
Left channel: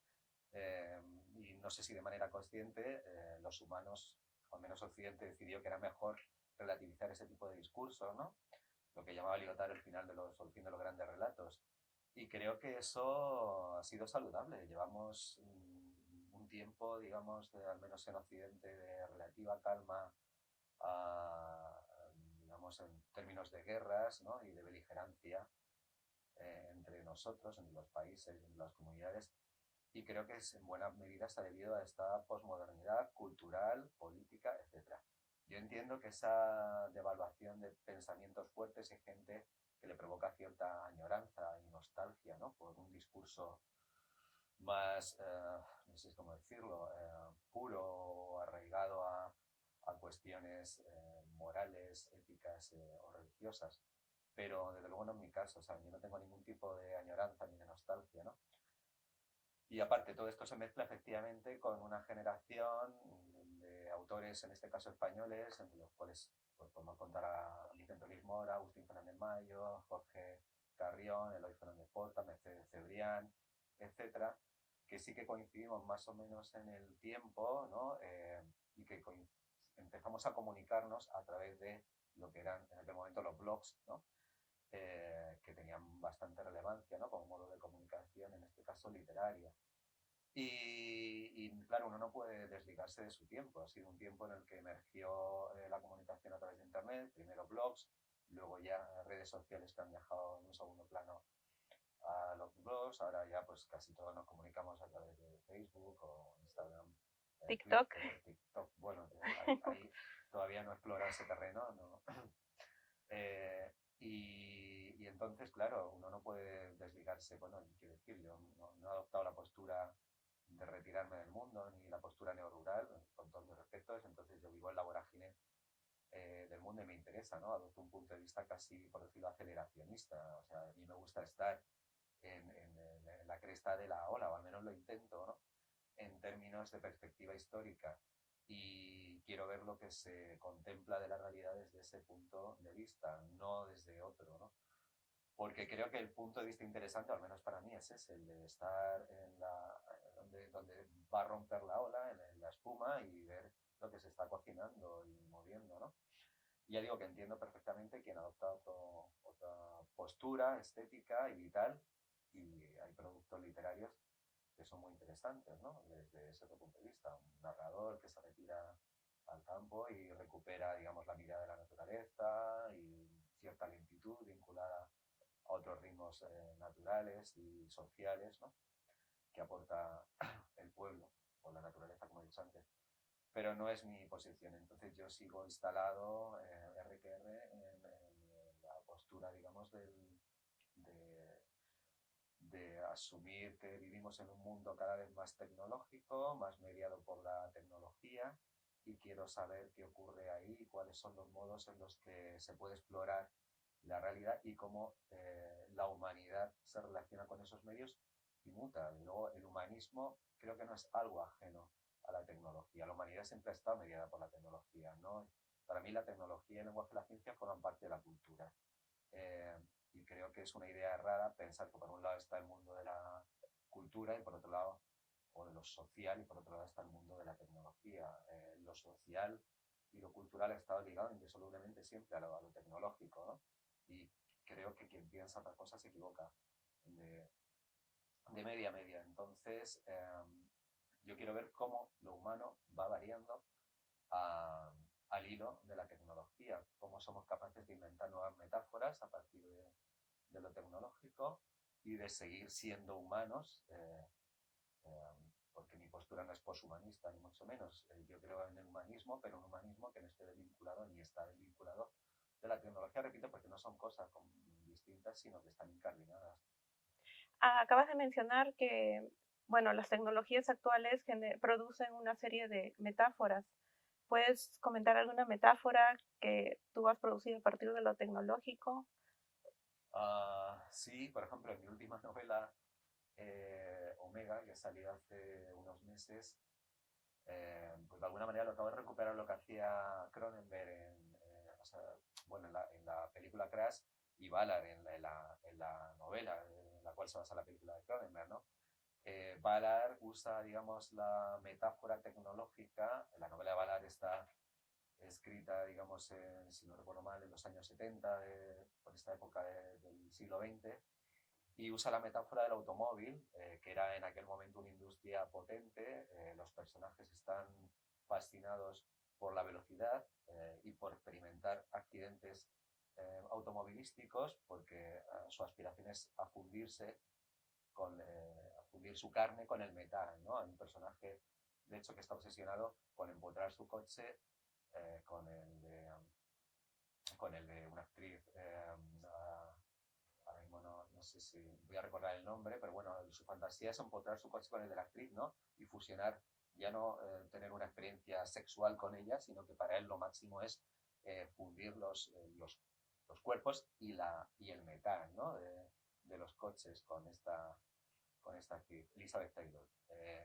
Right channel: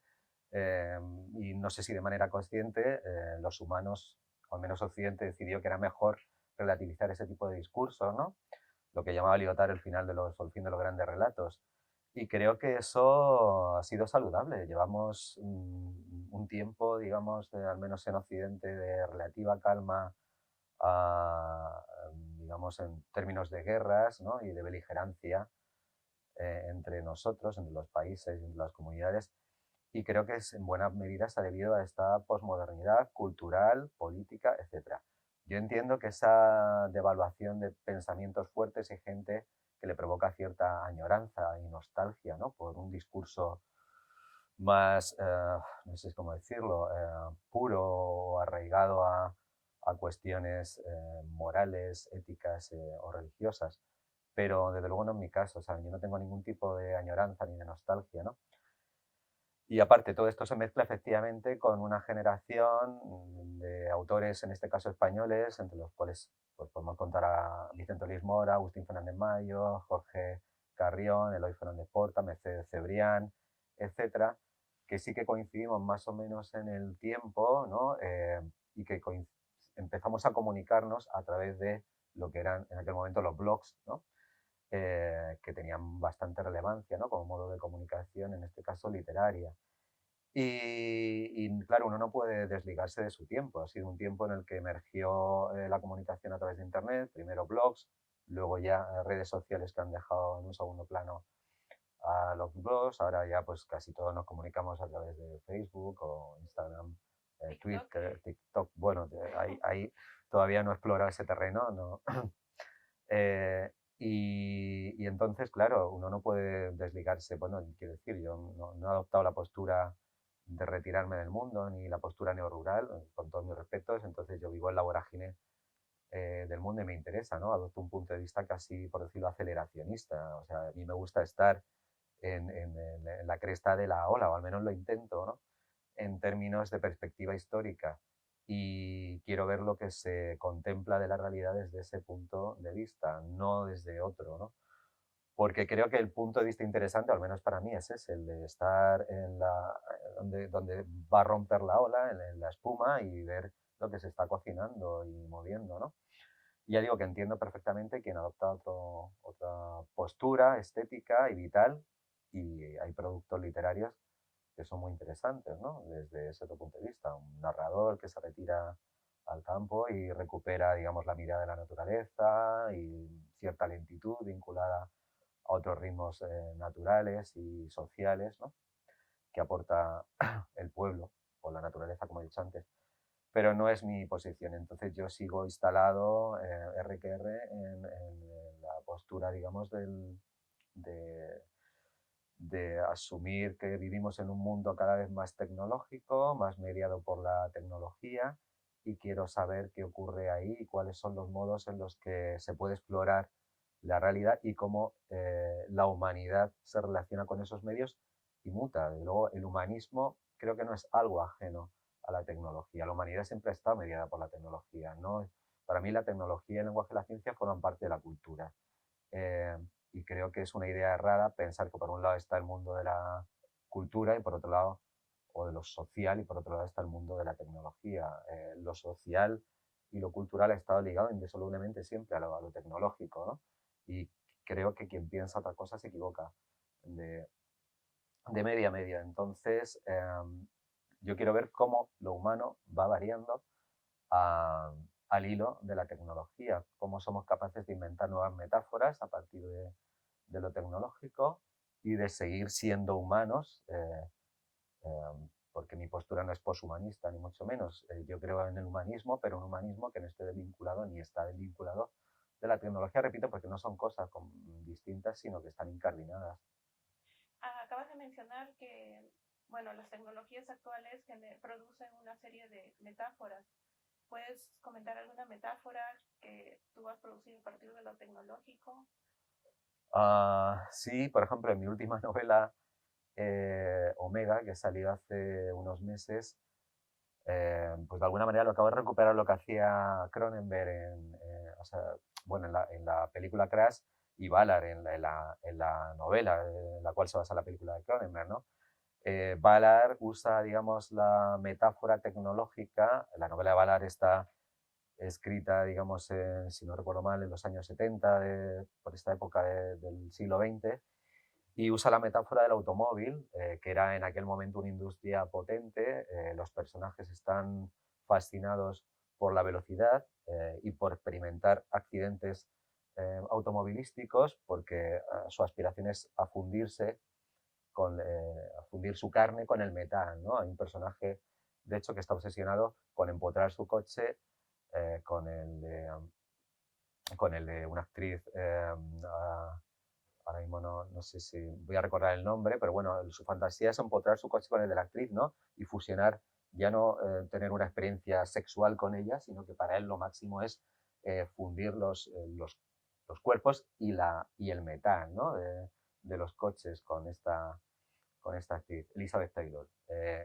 y no sé si de manera consciente, los humanos, o al menos Occidente, decidió que era mejor relativizar ese tipo de discursos, ¿no? Lo que llamaba Lyotard el fin de los grandes relatos. Y creo que eso ha sido saludable. Llevamos un tiempo, digamos, al menos en Occidente, de relativa calma, digamos, en términos de guerras, ¿no? Y de beligerancia, entre nosotros, entre los países, entre las comunidades, y creo que en buena medida se ha debido a esta posmodernidad cultural, política, etc. Yo entiendo que esa devaluación de pensamientos fuertes y gente que le provoca cierta añoranza y nostalgia, ¿no?, por un discurso más, no sé cómo decirlo, puro o arraigado a cuestiones morales, éticas o religiosas. Pero desde luego no es mi caso, ¿saben? Yo no tengo ningún tipo de añoranza ni de nostalgia, ¿no? Y aparte, todo esto se mezcla efectivamente con una generación de autores, en este caso españoles, entre los cuales pues, podemos contar a Vicente Luis Mora, Agustín Fernández Mayo, Jorge Carrión, Eloy Fernández Porta, Mercedes Cebrián, etcétera, que sí que coincidimos más o menos en el tiempo, ¿no? Y que empezamos a comunicarnos a través de lo que eran en aquel momento los blogs, ¿no? Que tenían bastante relevancia, ¿no?, como modo de comunicación, en este caso literaria. Y claro, uno no puede desligarse de su tiempo. Ha sido un tiempo en el que emergió la comunicación a través de Internet, primero blogs, luego ya redes sociales que han dejado en un segundo plano a los blogs. Ahora ya pues casi todos nos comunicamos a través de Facebook o Instagram, TikTok. Twitter, TikTok. Bueno, ahí todavía no he explorado ese terreno, ¿no? Y entonces, claro, uno no puede desligarse. Bueno, quiero decir, yo no he adoptado la postura de retirarme del mundo ni la postura neorrural, con todos mis respetos. Entonces yo vivo en la vorágine del mundo y me interesa, ¿no? Adopto un punto de vista casi, por decirlo, aceleracionista. O sea, a mí me gusta estar en la cresta de la ola, o al menos lo intento, ¿no?, en términos de perspectiva histórica, y quiero ver lo que se contempla de la realidad desde ese punto de vista, no desde otro, ¿no? Porque creo que el punto de vista interesante, al menos para mí, es ese, el de estar donde va a romper la ola, en la espuma, y ver lo que se está cocinando y moviendo, ¿no? Y ya digo que entiendo perfectamente quien adopta otra postura estética y vital, y hay productos literarios que son muy interesantes, ¿no?, desde ese otro punto de vista. Un narrador que se retira al campo y recupera, digamos, la mirada de la naturaleza y cierta lentitud vinculada a otros ritmos naturales y sociales, ¿no?, que aporta el pueblo o la naturaleza, como he dicho antes. Pero no es mi posición. Entonces yo sigo instalado R que R en la postura, digamos, de, de asumir que vivimos en un mundo cada vez más tecnológico, más mediado por la tecnología, y quiero saber qué ocurre ahí y cuáles son los modos en los que se puede explorar la realidad y cómo la humanidad se relaciona con esos medios y muta. De luego, el humanismo creo que no es algo ajeno a la tecnología. La humanidad siempre ha estado mediada por la tecnología, ¿no? Para mí la tecnología y el lenguaje de la ciencia forman parte de la cultura. Eh, y creo que es una idea errada pensar que por un lado está el mundo de la cultura y por otro lado, o de lo social, y por otro lado está el mundo de la tecnología. Lo social y lo cultural ha estado ligado indisolublemente siempre a lo tecnológico, ¿no? Y creo que quien piensa otra cosa se equivoca de, de media a media. Entonces, yo quiero ver cómo lo humano va variando al hilo de la tecnología, cómo somos capaces de inventar nuevas metáforas a partir de lo tecnológico y de seguir siendo humanos, porque mi postura no es poshumanista, ni mucho menos. Yo creo en el humanismo, pero un humanismo que no esté desvinculado ni está desvinculado de la tecnología, repito, porque no son cosas distintas, sino que están incardinadas. Acabas de mencionar que, bueno, las tecnologías actuales producen una serie de metáforas. ¿Puedes comentar alguna metáfora que tú has producido a partir de lo tecnológico? Sí, por ejemplo, en mi última novela, Omega, que salió hace unos meses, pues de alguna manera lo acabo de recuperar lo que hacía Cronenberg o sea, bueno, en la película Crash, y Ballard en la novela en la cual se basa la película de Cronenberg, ¿no? Ballard usa, digamos, la metáfora tecnológica. La novela de Ballard está escrita, digamos, si no recuerdo mal, en los años 70, por esta época del siglo XX, y usa la metáfora del automóvil, que era en aquel momento una industria potente. Los personajes están fascinados por la velocidad y por experimentar accidentes automovilísticos porque su aspiración es a fundirse a fundir su carne con el metal, ¿no? Hay un personaje, de hecho, que está obsesionado con empotrar su coche con el de una actriz, ahora mismo no sé si voy a recordar el nombre, pero bueno, su fantasía es empotrar su coche con el de la actriz, ¿no? Y fusionar, ya no tener una experiencia sexual con ella, sino que para él lo máximo es fundir los cuerpos y el metal, ¿no? De los coches con esta actriz, Elizabeth Taylor.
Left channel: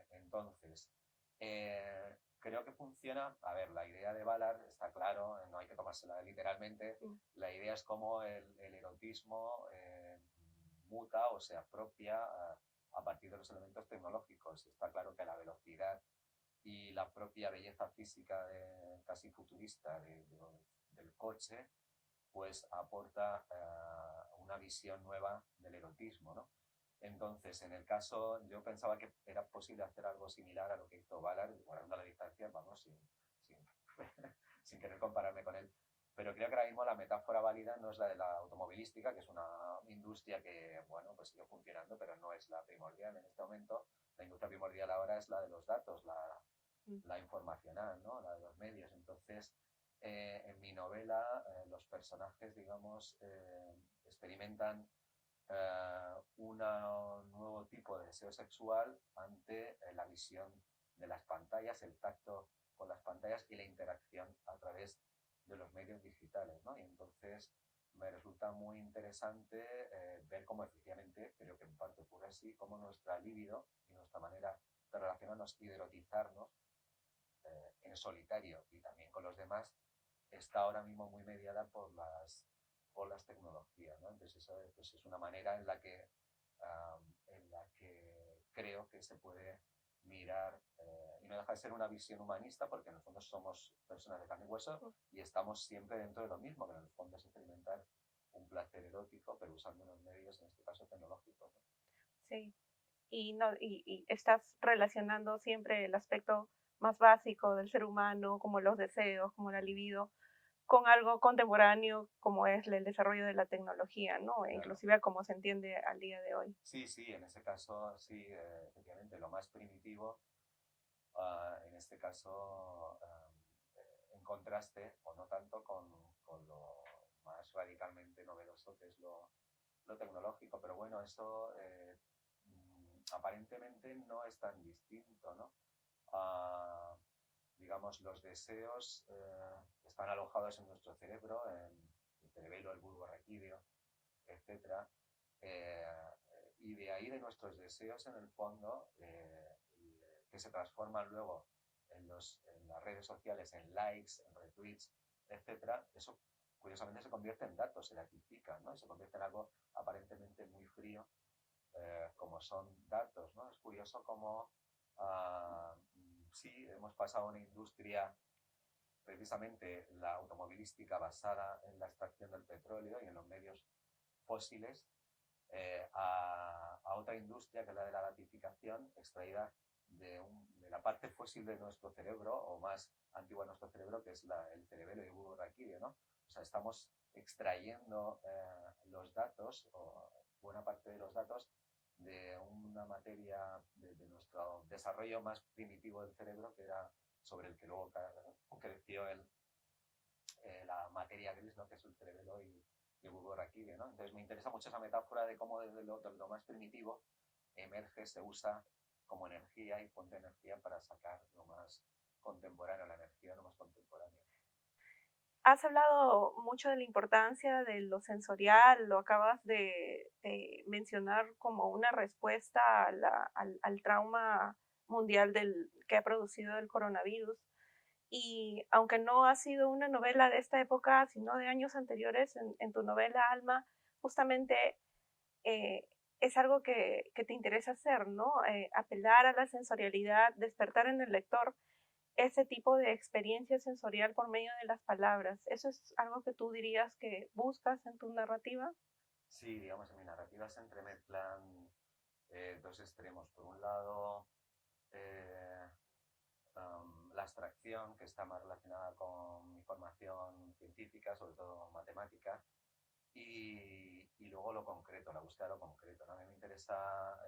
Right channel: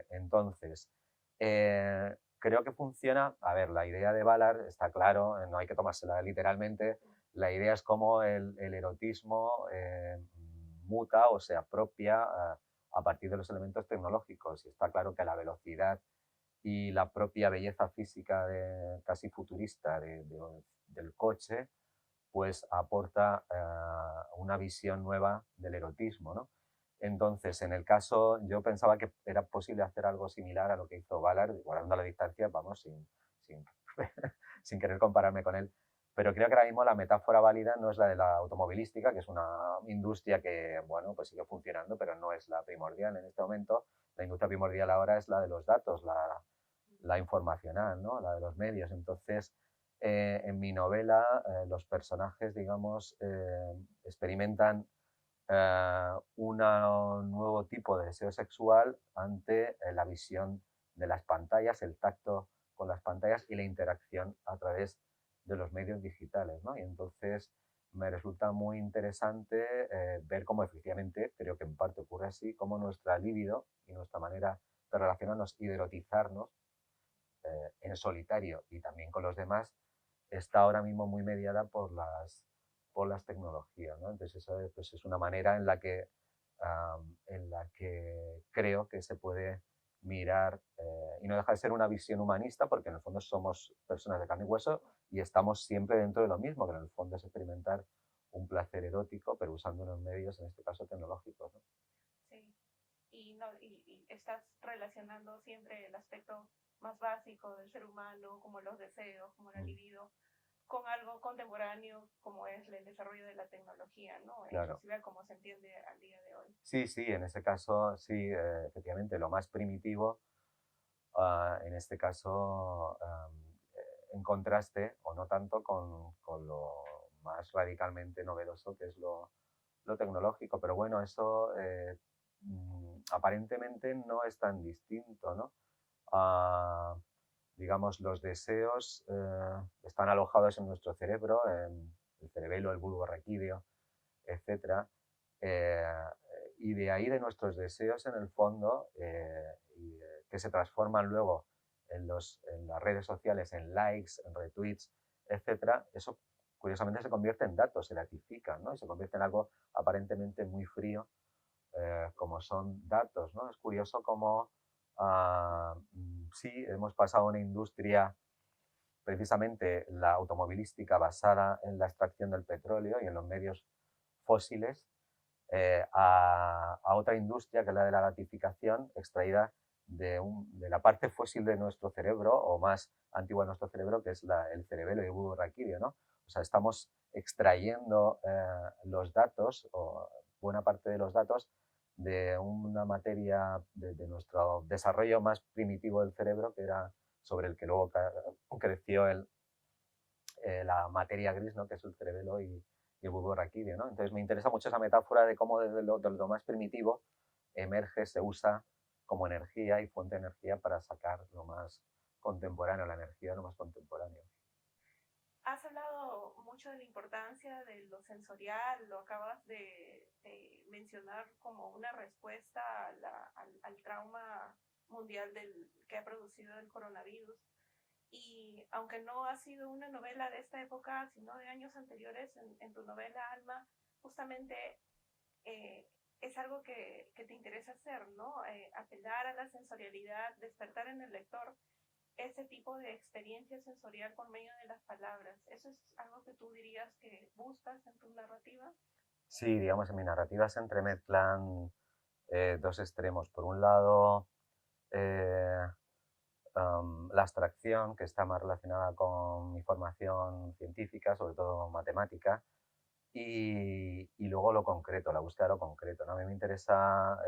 Entonces, creo que funciona. A ver, la idea de Ballard está claro, no hay que tomársela literalmente. La idea es cómo el erotismo muta o se apropia a partir de los elementos tecnológicos. Y está claro que la velocidad y la propia belleza física casi futurista del coche, pues aporta una visión nueva del erotismo, ¿no? Entonces, en el caso, yo pensaba que era posible hacer algo similar a lo que hizo Ballard, guardando la distancia, vamos, sin, sin querer compararme con él. Pero creo que ahora mismo la metáfora válida no es la de la automovilística, que es una industria que, bueno, pues sigue funcionando, pero no es la primordial en este momento. La industria primordial ahora es la de los datos, la informacional, ¿no? La de los medios. Entonces, en mi novela, los personajes, digamos, experimentan un nuevo tipo de deseo sexual ante la visión de las pantallas, el tacto con las pantallas y la interacción a través de los medios digitales, ¿no? Y entonces me resulta muy interesante ver cómo efectivamente, creo que en parte ocurre así, cómo nuestra libido y nuestra manera de relacionarnos y de erotizarnos en solitario y también con los demás está ahora mismo muy mediada por las tecnologías, ¿no? Entonces eso pues es una manera en la que creo que se puede mirar y no deja de ser una visión humanista porque en el fondo somos personas de carne y hueso y estamos siempre dentro de lo mismo, que en el fondo es experimentar un placer erótico pero usando unos medios, en este caso tecnológicos, ¿no? Sí, y, no, y estás relacionando siempre el aspecto más básico del ser humano, como los deseos, como la libido, con algo contemporáneo como es el desarrollo de la tecnología, ¿no? Claro. Inclusive a cómo se entiende al día de hoy. Sí, sí, en ese caso, sí, efectivamente, lo más primitivo, en este caso, en contraste, o no tanto, con lo más radicalmente novedoso que es lo tecnológico. Pero bueno, eso aparentemente no es tan distinto, ¿no? Digamos, los deseos están alojados en nuestro cerebro, en el cerebelo, el bulbo raquídeo, etcétera, y de ahí de nuestros deseos en el fondo, que se transforman luego en las redes sociales, en likes, en retweets, etcétera, eso curiosamente se convierte en datos, se datifican, ¿no? Y se convierte en algo aparentemente muy frío, como son datos, ¿no? Es curioso cómo sí, hemos pasado a una industria, precisamente la automovilística, basada en la extracción del petróleo y en los medios fósiles, a otra industria, que es la de la gratificación, extraída de la parte fósil de nuestro cerebro, o más antigua de nuestro cerebro, que es el cerebelo y el bulbo raquídeo, ¿no? O sea, estamos extrayendo los datos, o buena parte de los datos, de una materia de nuestro desarrollo más primitivo del cerebro, que era sobre el que luego creció la materia gris, ¿no? Que es el cerebelo y el bulbo raquídeo, ¿no? Entonces me interesa mucho esa metáfora de cómo desde lo más primitivo emerge, se usa como energía y fuente de energía para sacar lo más contemporáneo, la energía de lo más contemporáneo. Has hablado mucho de la importancia de lo sensorial, lo acabas de mencionar como una respuesta al trauma mundial que ha producido el coronavirus. Y aunque no ha sido una novela de esta época, sino de años anteriores, en tu novela Alma, justamente es algo que te interesa hacer, ¿no? Apelar a la sensorialidad, despertar en el lector ese tipo de experiencia sensorial por medio de las palabras. ¿Eso es algo que tú dirías que buscas en tu narrativa? Sí, digamos, en mi narrativa se entremezclan dos extremos. Por un lado, la abstracción, que está más relacionada con mi formación científica, sobre todo matemática, y luego lo concreto, la búsqueda de lo concreto, ¿no? A mí me interesa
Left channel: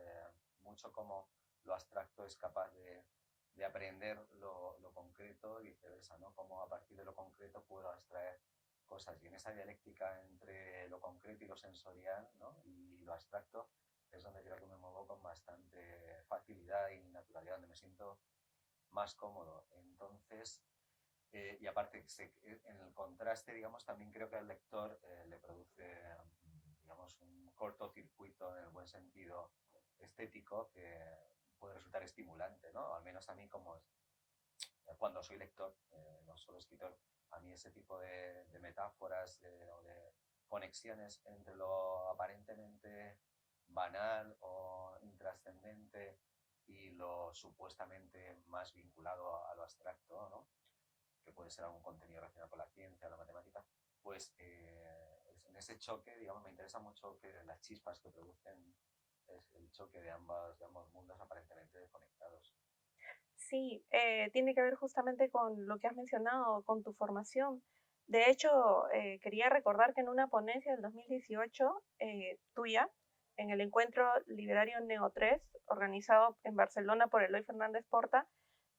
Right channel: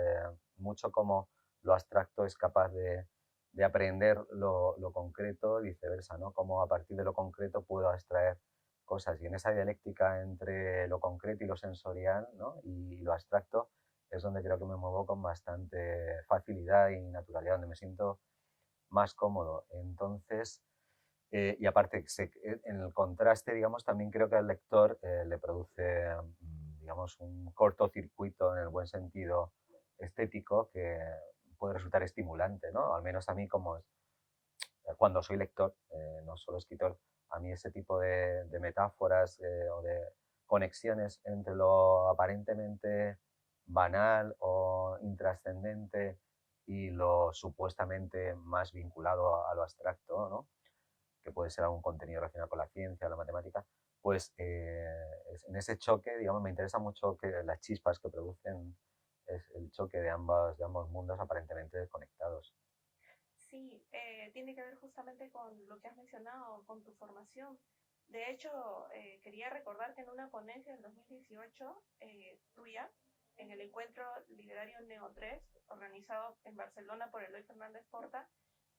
mucho cómo lo abstracto es capaz de aprender lo concreto y viceversa, ¿no? Cómo a partir de lo concreto puedo extraer cosas. Y en esa dialéctica entre lo concreto y lo sensorial, ¿no? Y lo abstracto es donde creo que me muevo con bastante facilidad y naturalidad, donde me siento más cómodo. Entonces, y aparte, en el contraste, digamos, también creo que al lector le produce, digamos, un cortocircuito en el buen sentido estético que puede resultar estimulante, ¿no? Al menos a mí cuando soy lector, no solo escritor, a mí ese tipo de metáforas o de conexiones entre lo aparentemente banal o intrascendente y lo supuestamente más vinculado a lo abstracto, ¿no? Que puede ser algún contenido relacionado con la ciencia o la matemática, pues en ese choque, digamos, me interesa mucho que las chispas que producen es el choque de ambos mundos aparentemente desconectados. Sí, tiene que ver justamente con lo que has mencionado, con tu formación. De hecho, quería recordar que en una ponencia del 2018 tuya, en el encuentro literario Neo 3, organizado en Barcelona por Eloy Fernández Porta,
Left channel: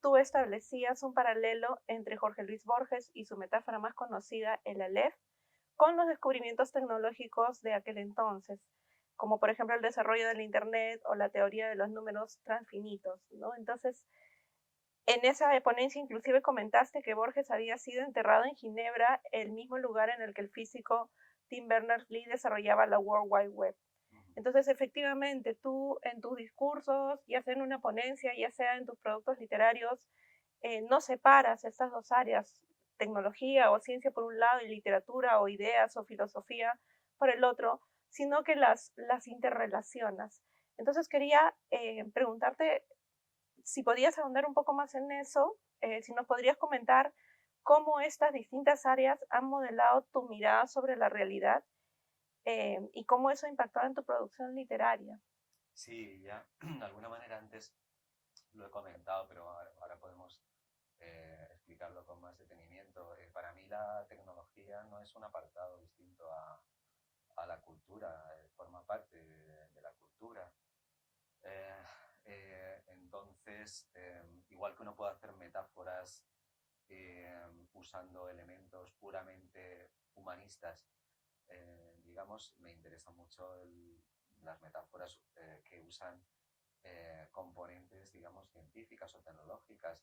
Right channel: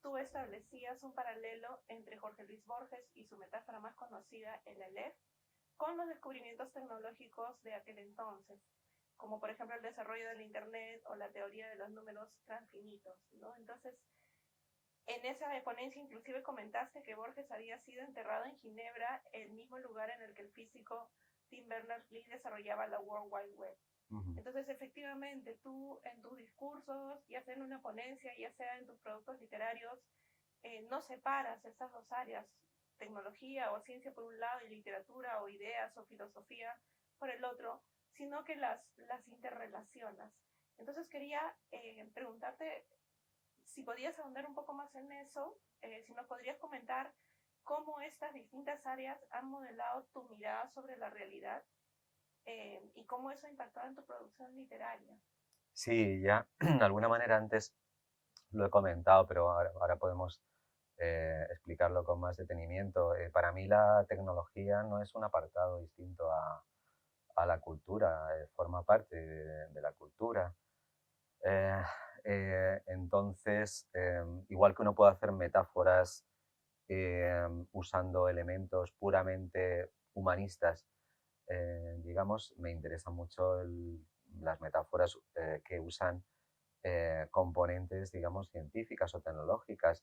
tú establecías un paralelo entre Jorge Luis Borges y su metáfora más conocida, el Aleph, con los descubrimientos tecnológicos de aquel entonces, como por ejemplo el desarrollo del Internet o la teoría de los números transfinitos, ¿no? Entonces, en esa ponencia inclusive comentaste que Borges había sido enterrado en Ginebra, el mismo lugar en el que el físico Tim Berners-Lee desarrollaba la World Wide Web. Entonces, efectivamente, tú en tus discursos, ya sea en una ponencia, ya sea en tus productos literarios, no separas estas dos áreas, tecnología o ciencia por un lado y literatura o ideas o filosofía por el otro, sino que las interrelacionas. Entonces, quería preguntarte si podías ahondar un poco más en eso, si nos podrías comentar cómo estas distintas áreas han modelado tu mirada sobre la realidad y cómo eso ha impactado en tu producción literaria. Sí, ya de alguna manera antes lo he comentado, pero ahora podemos explicarlo con más detenimiento. Para mí la tecnología no es un apartado distinto a la cultura, forma parte de la cultura. Eh, entonces, igual que uno puede hacer metáforas usando elementos puramente humanistas, digamos, me interesan mucho las metáforas que usan componentes, digamos, científicas o tecnológicas.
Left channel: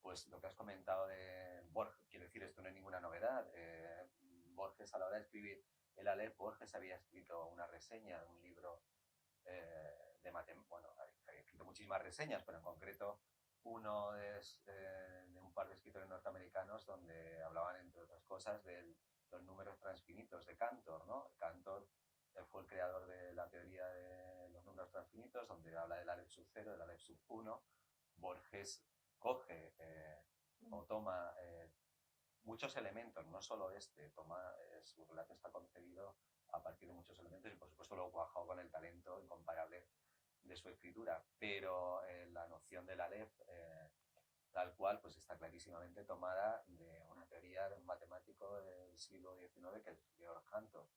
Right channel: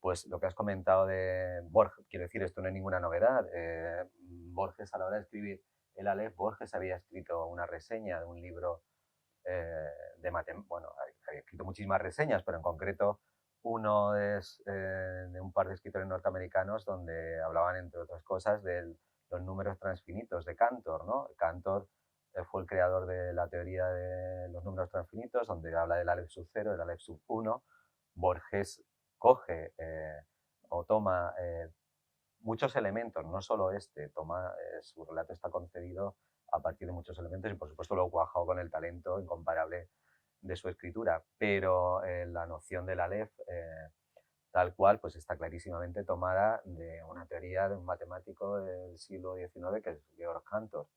Pues lo que has comentado de Borges, quiero decir, esto no es ninguna novedad. Borges, a la hora de escribir el Aleph, Borges había escrito una reseña de un libro de matemáticas. Bueno, había escrito muchísimas reseñas, pero en concreto uno es de un par de escritores norteamericanos donde hablaban, entre otras cosas, de los números transfinitos de Cantor, ¿no? Cantor fue el creador de la teoría de los números transfinitos, donde habla del Aleph sub 0, del Aleph sub 1. Borges coge o toma muchos elementos, no solo su relato está concebido a partir de muchos elementos y por supuesto lo ha cuajado con el talento incomparable de su escritura, pero la noción del Aleph tal cual pues está clarísimamente tomada de una teoría de un matemático del siglo XIX que es Georg Cantor.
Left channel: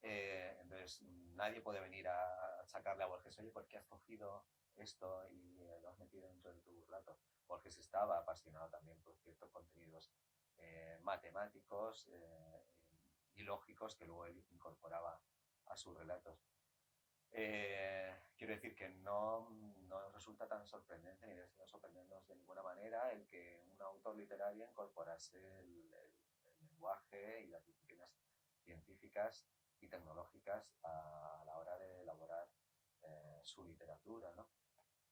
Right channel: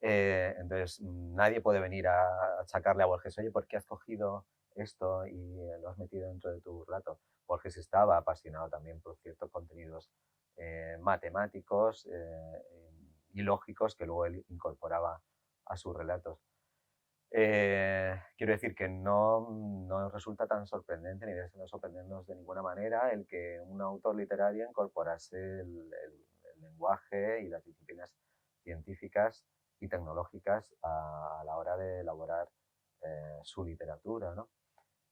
Entonces nadie puede venir a achacarle a Borges, oye, ¿por qué has cogido esto y lo has metido dentro de tu relato? Borges estaba apasionado también por ciertos contenidos matemáticos y lógicos que luego él incorporaba a sus relatos. Quiero decir que no resulta tan sorprendente ni debe sorprendernos de ninguna manera el que un autor literario incorporase el lenguaje y las disciplinas científicas y tecnológicas a la hora de elaborar su literatura, ¿no?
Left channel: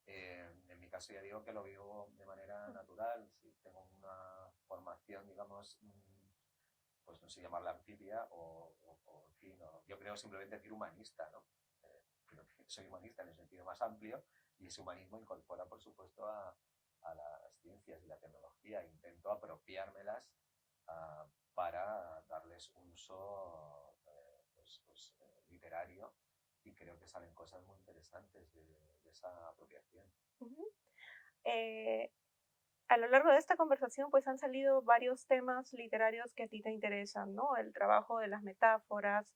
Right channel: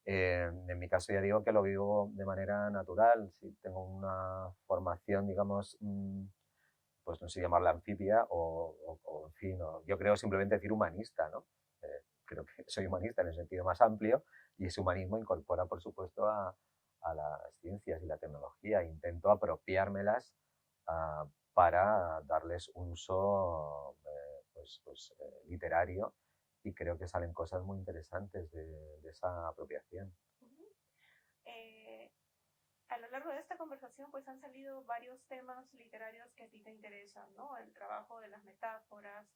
En mi caso ya digo que lo vivo de manera natural, si tengo una formación, digamos, pues no sé llamarla anfibia en fin, yo creo simplemente decir humanista, ¿no? Creo que soy humanista en el sentido más amplio y ese humanismo incorpora, por supuesto, a las ciencias y la tecnología. Intento apropiármelas para darles un uso literario y creo que salen cosas muy interesantes de esa apropiación. A lo largo de esta conversación pues han salido varios temas literarios que a ti te interesan, ¿no? El trabajo de las metáforas,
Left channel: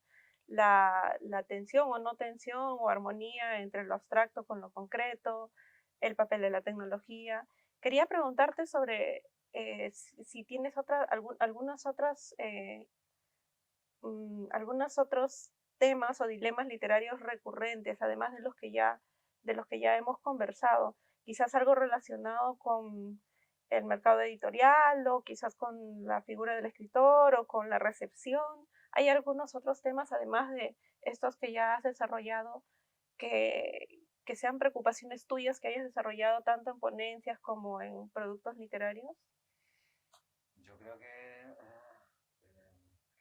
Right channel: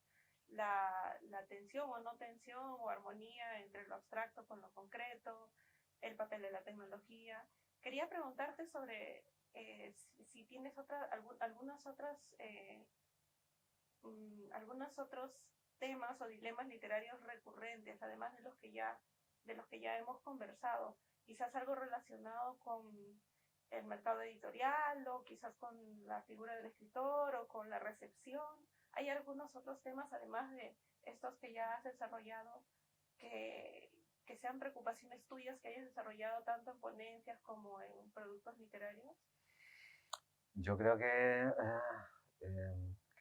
la tensión o no tensión o armonía entre lo abstracto con lo concreto, el papel de la tecnología. Quería preguntarte sobre si tienes algunos otros temas o dilemas literarios recurrentes, además de de los que ya hemos conversado. Quizás algo relacionado con el mercado editorial o quizás con la figura del escritor o con la recepción. ¿Hay algunos otros temas, además de estos que ya has desarrollado, que sean preocupaciones tuyas que hayas desarrollado tanto en ponencias como en productos literarios? Yo creo que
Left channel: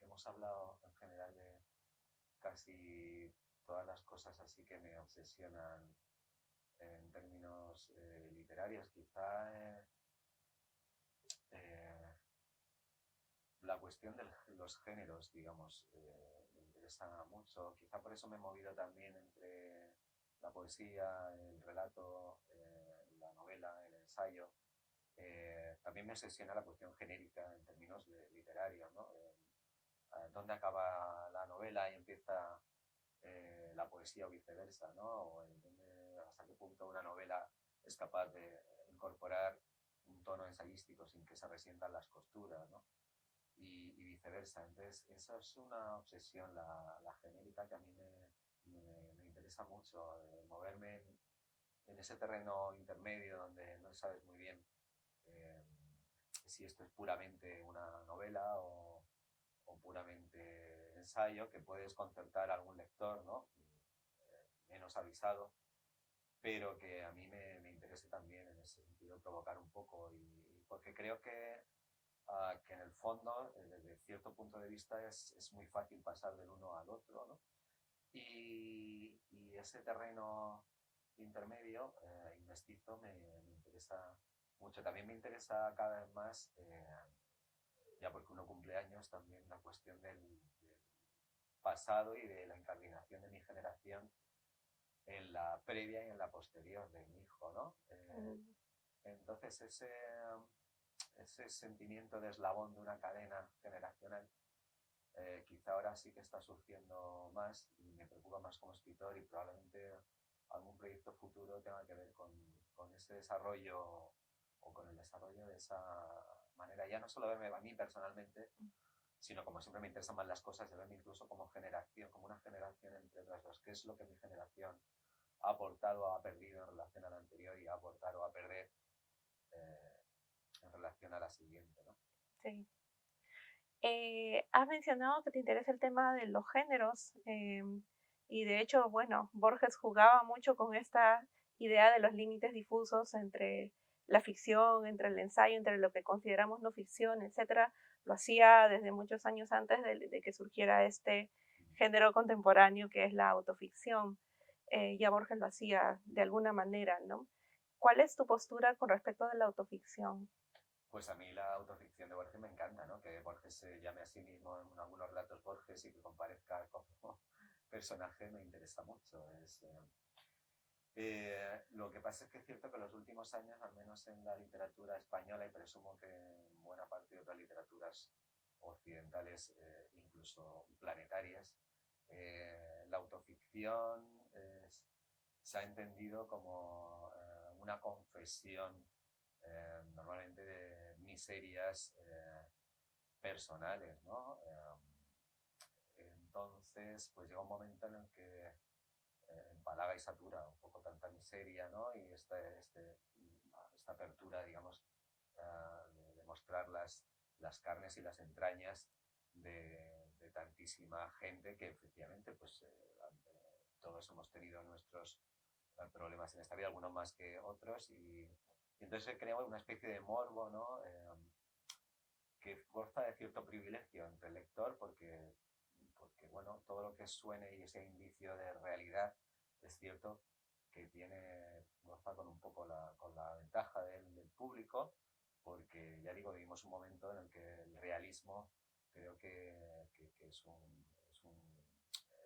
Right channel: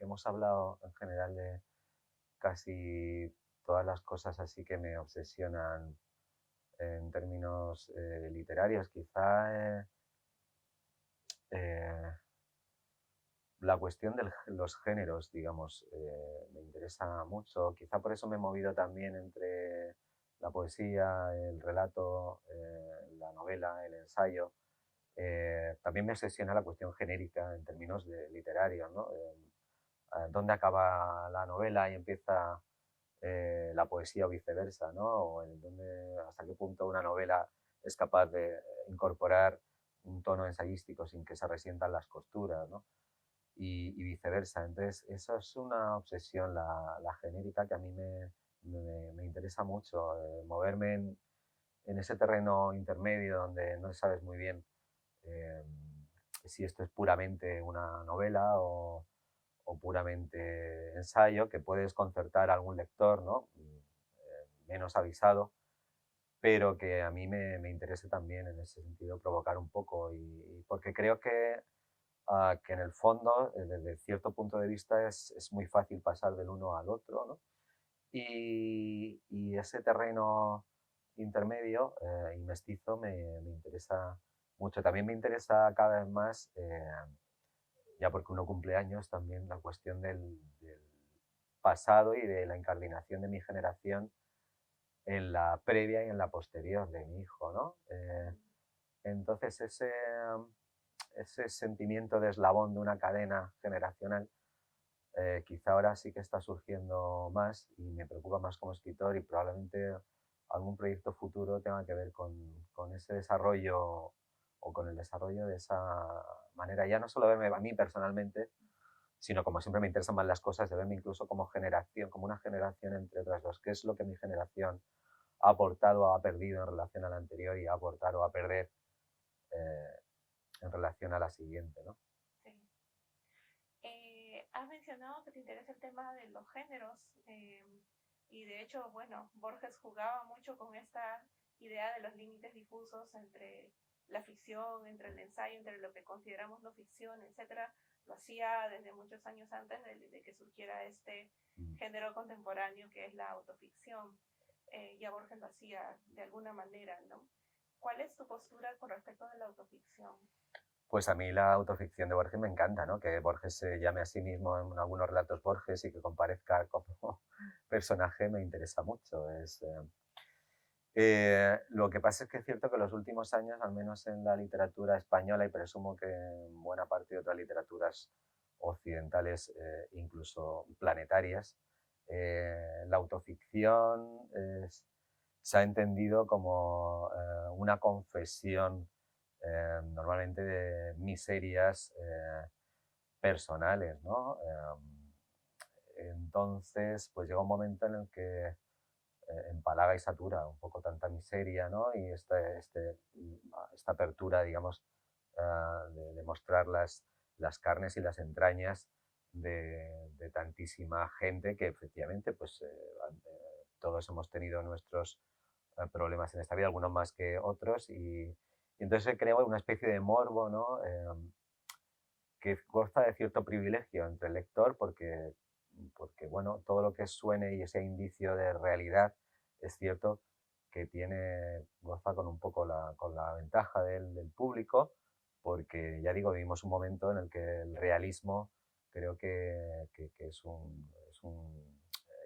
hemos hablado en general de casi todas las cosas así que me obsesionan en términos literarios. Quizá la cuestión de los géneros, digamos, me interesa mucho. Quizá por eso me he movido también entre la poesía, el relato, la novela, el ensayo. También me obsesiona la cuestión genérica en términos literarios, ¿no? ¿Dónde acaba la novela y empieza la poesía o viceversa, ¿no? O hasta qué punto una novela es capaz de incorporar un tono ensayístico sin que se resientan las costuras, ¿no? Y viceversa. Entonces, eso es una obsesión, la genérica, que a mí me interesa mucho, moverme en ese terreno intermedio donde no sabes muy bien eh, si esto es puramente una novela o puramente ensayo, que puede desconcertar a algún lector, ¿no? Menos avisado, pero que a mí me interese también en ese sentido provocar un poco, y porque creo que en el fondo, desde cierto punto de vista, es muy fácil pasar del uno al otro, ¿no? Y ese terreno intermedio y mestizo me interesa mucho. También me interesa cada vez más, ya porque uno cumple años, también la cuestión del pasado y de la incardinación de mi generación en la previa y en la posterior de mi hijo, ¿no? Entonces ese sentimiento de eslabón de una cadena generacional quizá ahora sí que está surgiendo más y me preocupa más como escritor, y probablemente algún proyecto futuro tenga que ver con ese desarrollo o con el desarrollo de esa manera, ya no solo verme a mí personalmente, sino, como siempre me interesan más las cosas, de verme incluso como generación, como una generación entre otras dos. ¿Qué es lo que mi generación ha aportado o ha perdido en relación a la anterior y ha aportado o a perder eh, en relación a la siguiente, ¿no? Sí. Has mencionado que te interesa el tema de los géneros y de hecho, bueno, Borges jugaba mucho con esta idea de los límites difusos entre la ficción, entre el ensayo, entre lo que consideramos no ficción, etcétera. Lo hacía desde muchos años antes de que surgiera este género contemporáneo que es la autoficción. Ya Borges lo hacía de alguna manera, ¿no? ¿Cuál es tu postura con respecto a la autoficción? Pues a mí la autoficción de Borges me encanta, ¿no? Que Borges se llame a sí mismo en algunos relatos Borges y que comparezca como personaje me interesa mucho. Lo que pasa es que es cierto que en los últimos años, al menos en la literatura española, y presumo que en buena parte de otras literaturas occidentales, incluso planetarias, la autoficción se ha entendido como una confesión normalmente de miserias personales, ¿no? Entonces, pues llega un momento en el que empalaga y satura un poco tanta miseria, ¿no? Y esta apertura, digamos, de mostrar las carnes y las entrañas de tantísima gente que efectivamente, pues todos hemos tenido nuestros problemas en esta vida, algunos más que otros, y entonces se crea una especie de morbo, ¿no? Que goza de cierto privilegio entre el lector porque, bueno, todo lo que suene y ese indicio de realidad es cierto que goza con un poco con la ventaja del público, porque ya digo, vivimos un momento en el que el realismo creo que es un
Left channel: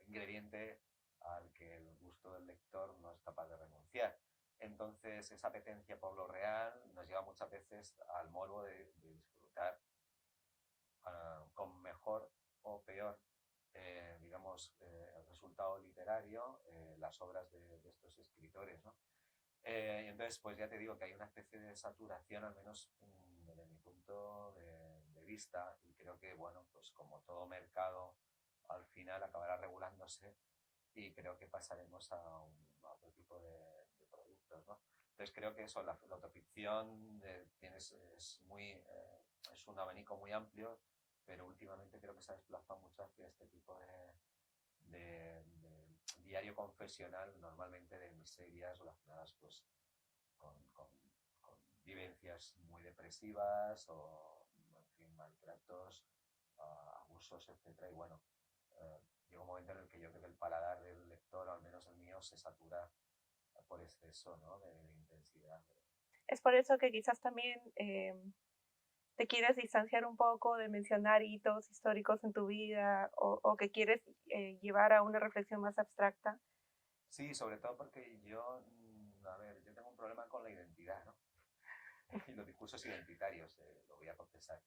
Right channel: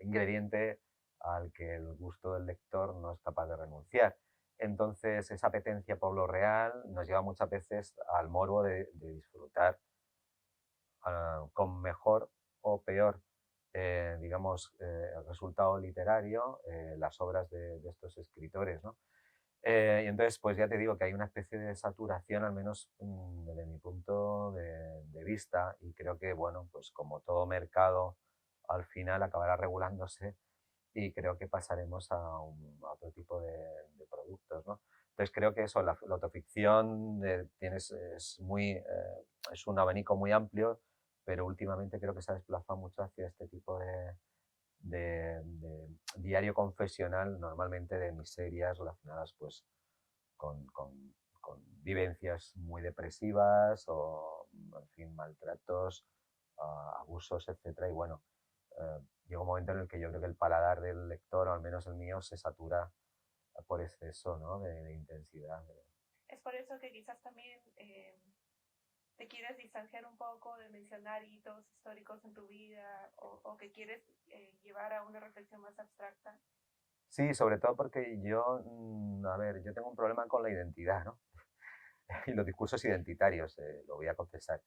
ingrediente al que el gusto del lector no es capaz de renunciar. Entonces, esa apetencia por lo real nos lleva muchas veces al morbo de disfrutar con mejor o peor digamos, el resultado literario, las obras de estos escritores, ¿no? Y entonces, pues ya te digo que hay una especie de saturación, al menos desde mi punto de vista, y creo que, bueno, pues como todo mercado, al final acabará regulándose y creo que pasaremos a otro tipo de productos, ¿no? Entonces creo que eso, la autoficción es un abanico muy amplio, pero últimamente creo que se ha desplazado mucho hacia este tipo de diario confesional, normalmente de miserias relacionadas pues con vivencias muy depresivas o, en fin, maltratos, abusos, etcétera. Y bueno, llega un momento en el que yo creo que el paladar del lector, o al menos el mío, se satura por exceso, ¿no? de intensidad. Es por eso que quizás también te quieres distanciar un poco de mencionar hitos históricos en tu vida o que quieres llevar a una reflexión más abstracta. Sí, sobre todo porque yo, a ver, yo tengo un problema con la identidad, ¿no? Y los discursos identitarios, lo voy a confesar.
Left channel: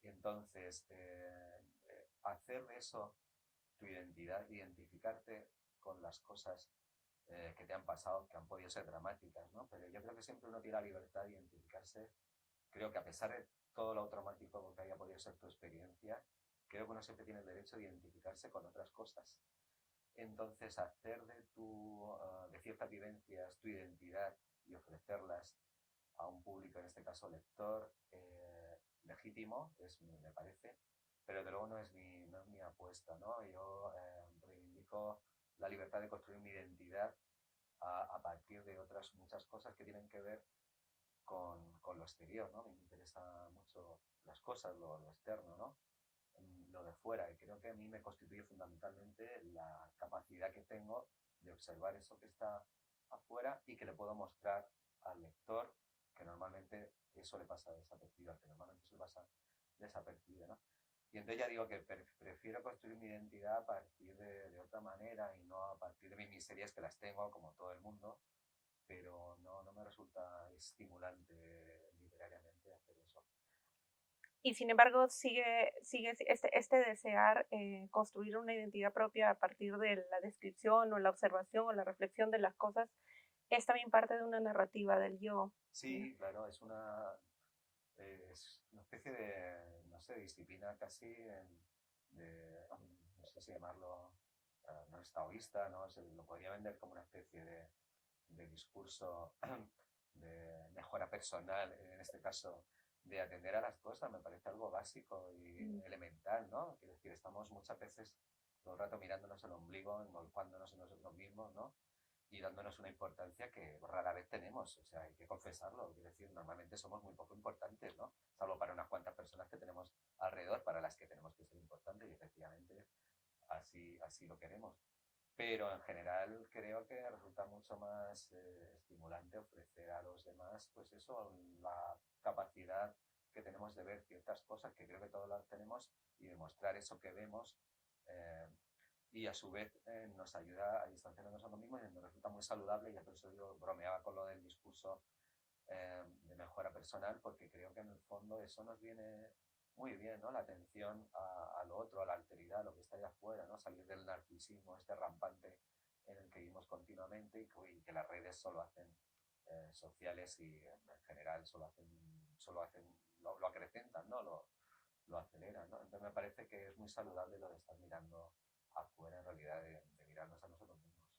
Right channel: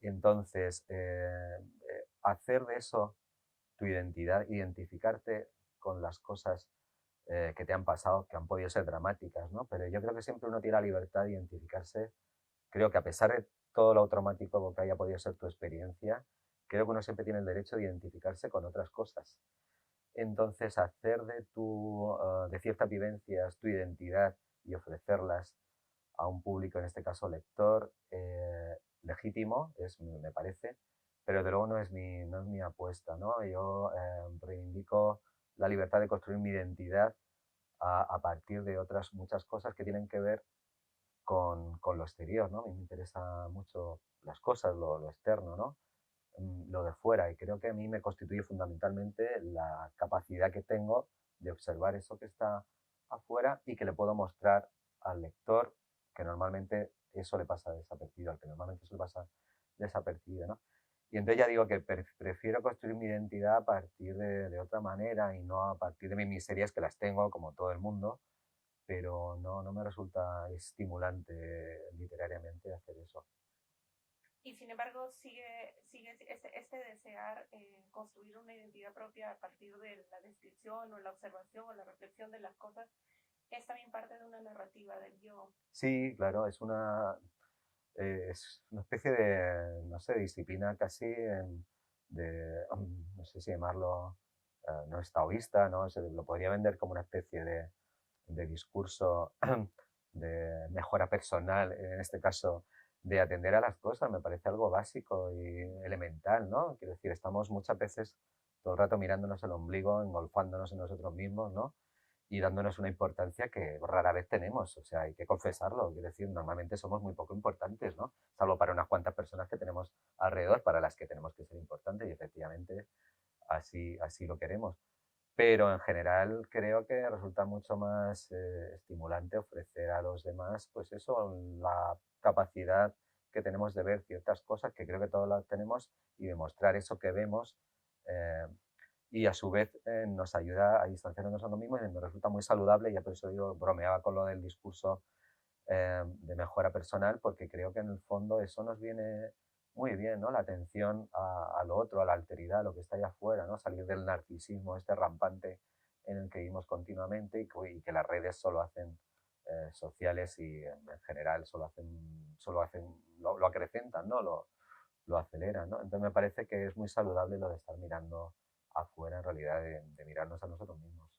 Y entonces, hacer de eso tu identidad, identificarte con las cosas que te han pasado, que han podido ser dramáticas, ¿no? Pero yo creo que siempre uno tiene la libertad de identificarse. Creo que a pesar de todo lo traumático que haya podido ser tu experiencia, creo que uno siempre tiene el derecho de identificarse con otras cosas. Entonces, hacer de ciertas vivencias tu identidad y ofrecerlas a un público, en este caso lector, legítimo, me parece, pero de luego no es mi apuesta, ¿no? Yo reivindico la libertad de construir mi identidad a partir de otras muchas cosas que tienen que ver con lo exterior, ¿no? A mí me interesa mucho las cosas, lo externo, ¿no? Lo de fuera, y creo que a mí me constituye fundamentalmente la capacidad que tengo de observar eso que está afuera y que le puedo mostrar al lector, que normalmente eso le pasa desapercibido, al que normalmente eso le pasa desapercibido, ¿no? Y entonces ya digo que prefiero construir mi identidad a partir de otra manera y no a partir de mis miserias, que las tengo como todo el mundo, pero no me resulta estimulante literariamente hacer eso. Y sin embargo, sigue este desear construir una identidad propia a partir de la descripción o la observación o la reflexión de las cosas, es también parte de una narrativa del yo. Sí, claro, es una especie de, no sé, disciplina casi no sé si llamarlo, no es taoísta, ¿no? Lo podría vender como una especie de discurso de mejora personal, en este caso, de atender a las cosas, me parece algo básico y elemental, ¿no? Quiero decir, estamos muchas veces todo el rato mirándonos el ombligo, engolfándonos en nosotros mismos, ¿no? Y dándonos una importancia que rara vez tenemos, o sea, hay que confesarlo, quiero decir, normalmente somos muy poco importantes, ¿no? Salvo para unas cuantas personas que tenemos alrededor, para las que tenemos que ser importantes, y efectivamente así lo queremos. Pero en general creo que resulta mucho más estimulante ofrecer a los demás, pues eso, la capacidad que tenemos de ver ciertas cosas, que creo que todos las tenemos, y demostrar eso que vemos, eh, y a su vez nos ayuda a distanciarnos de nosotros mismos, y me resulta muy saludable. Ya por eso digo, bromeaba con lo del discurso de mejora personal, porque creo que en el fondo eso nos viene muy bien, ¿no? La atención a lo otro, a la alteridad, a lo que está allá afuera, ¿no? Salir del narcisismo este rampante en el que vivimos continuamente, y que las redes solo hacen sociales, y en general lo acrecentan, ¿no? Lo aceleran, ¿no? Entonces me parece que es muy saludable lo de estar mirando afuera, en realidad, de mirarnos a nosotros mismos.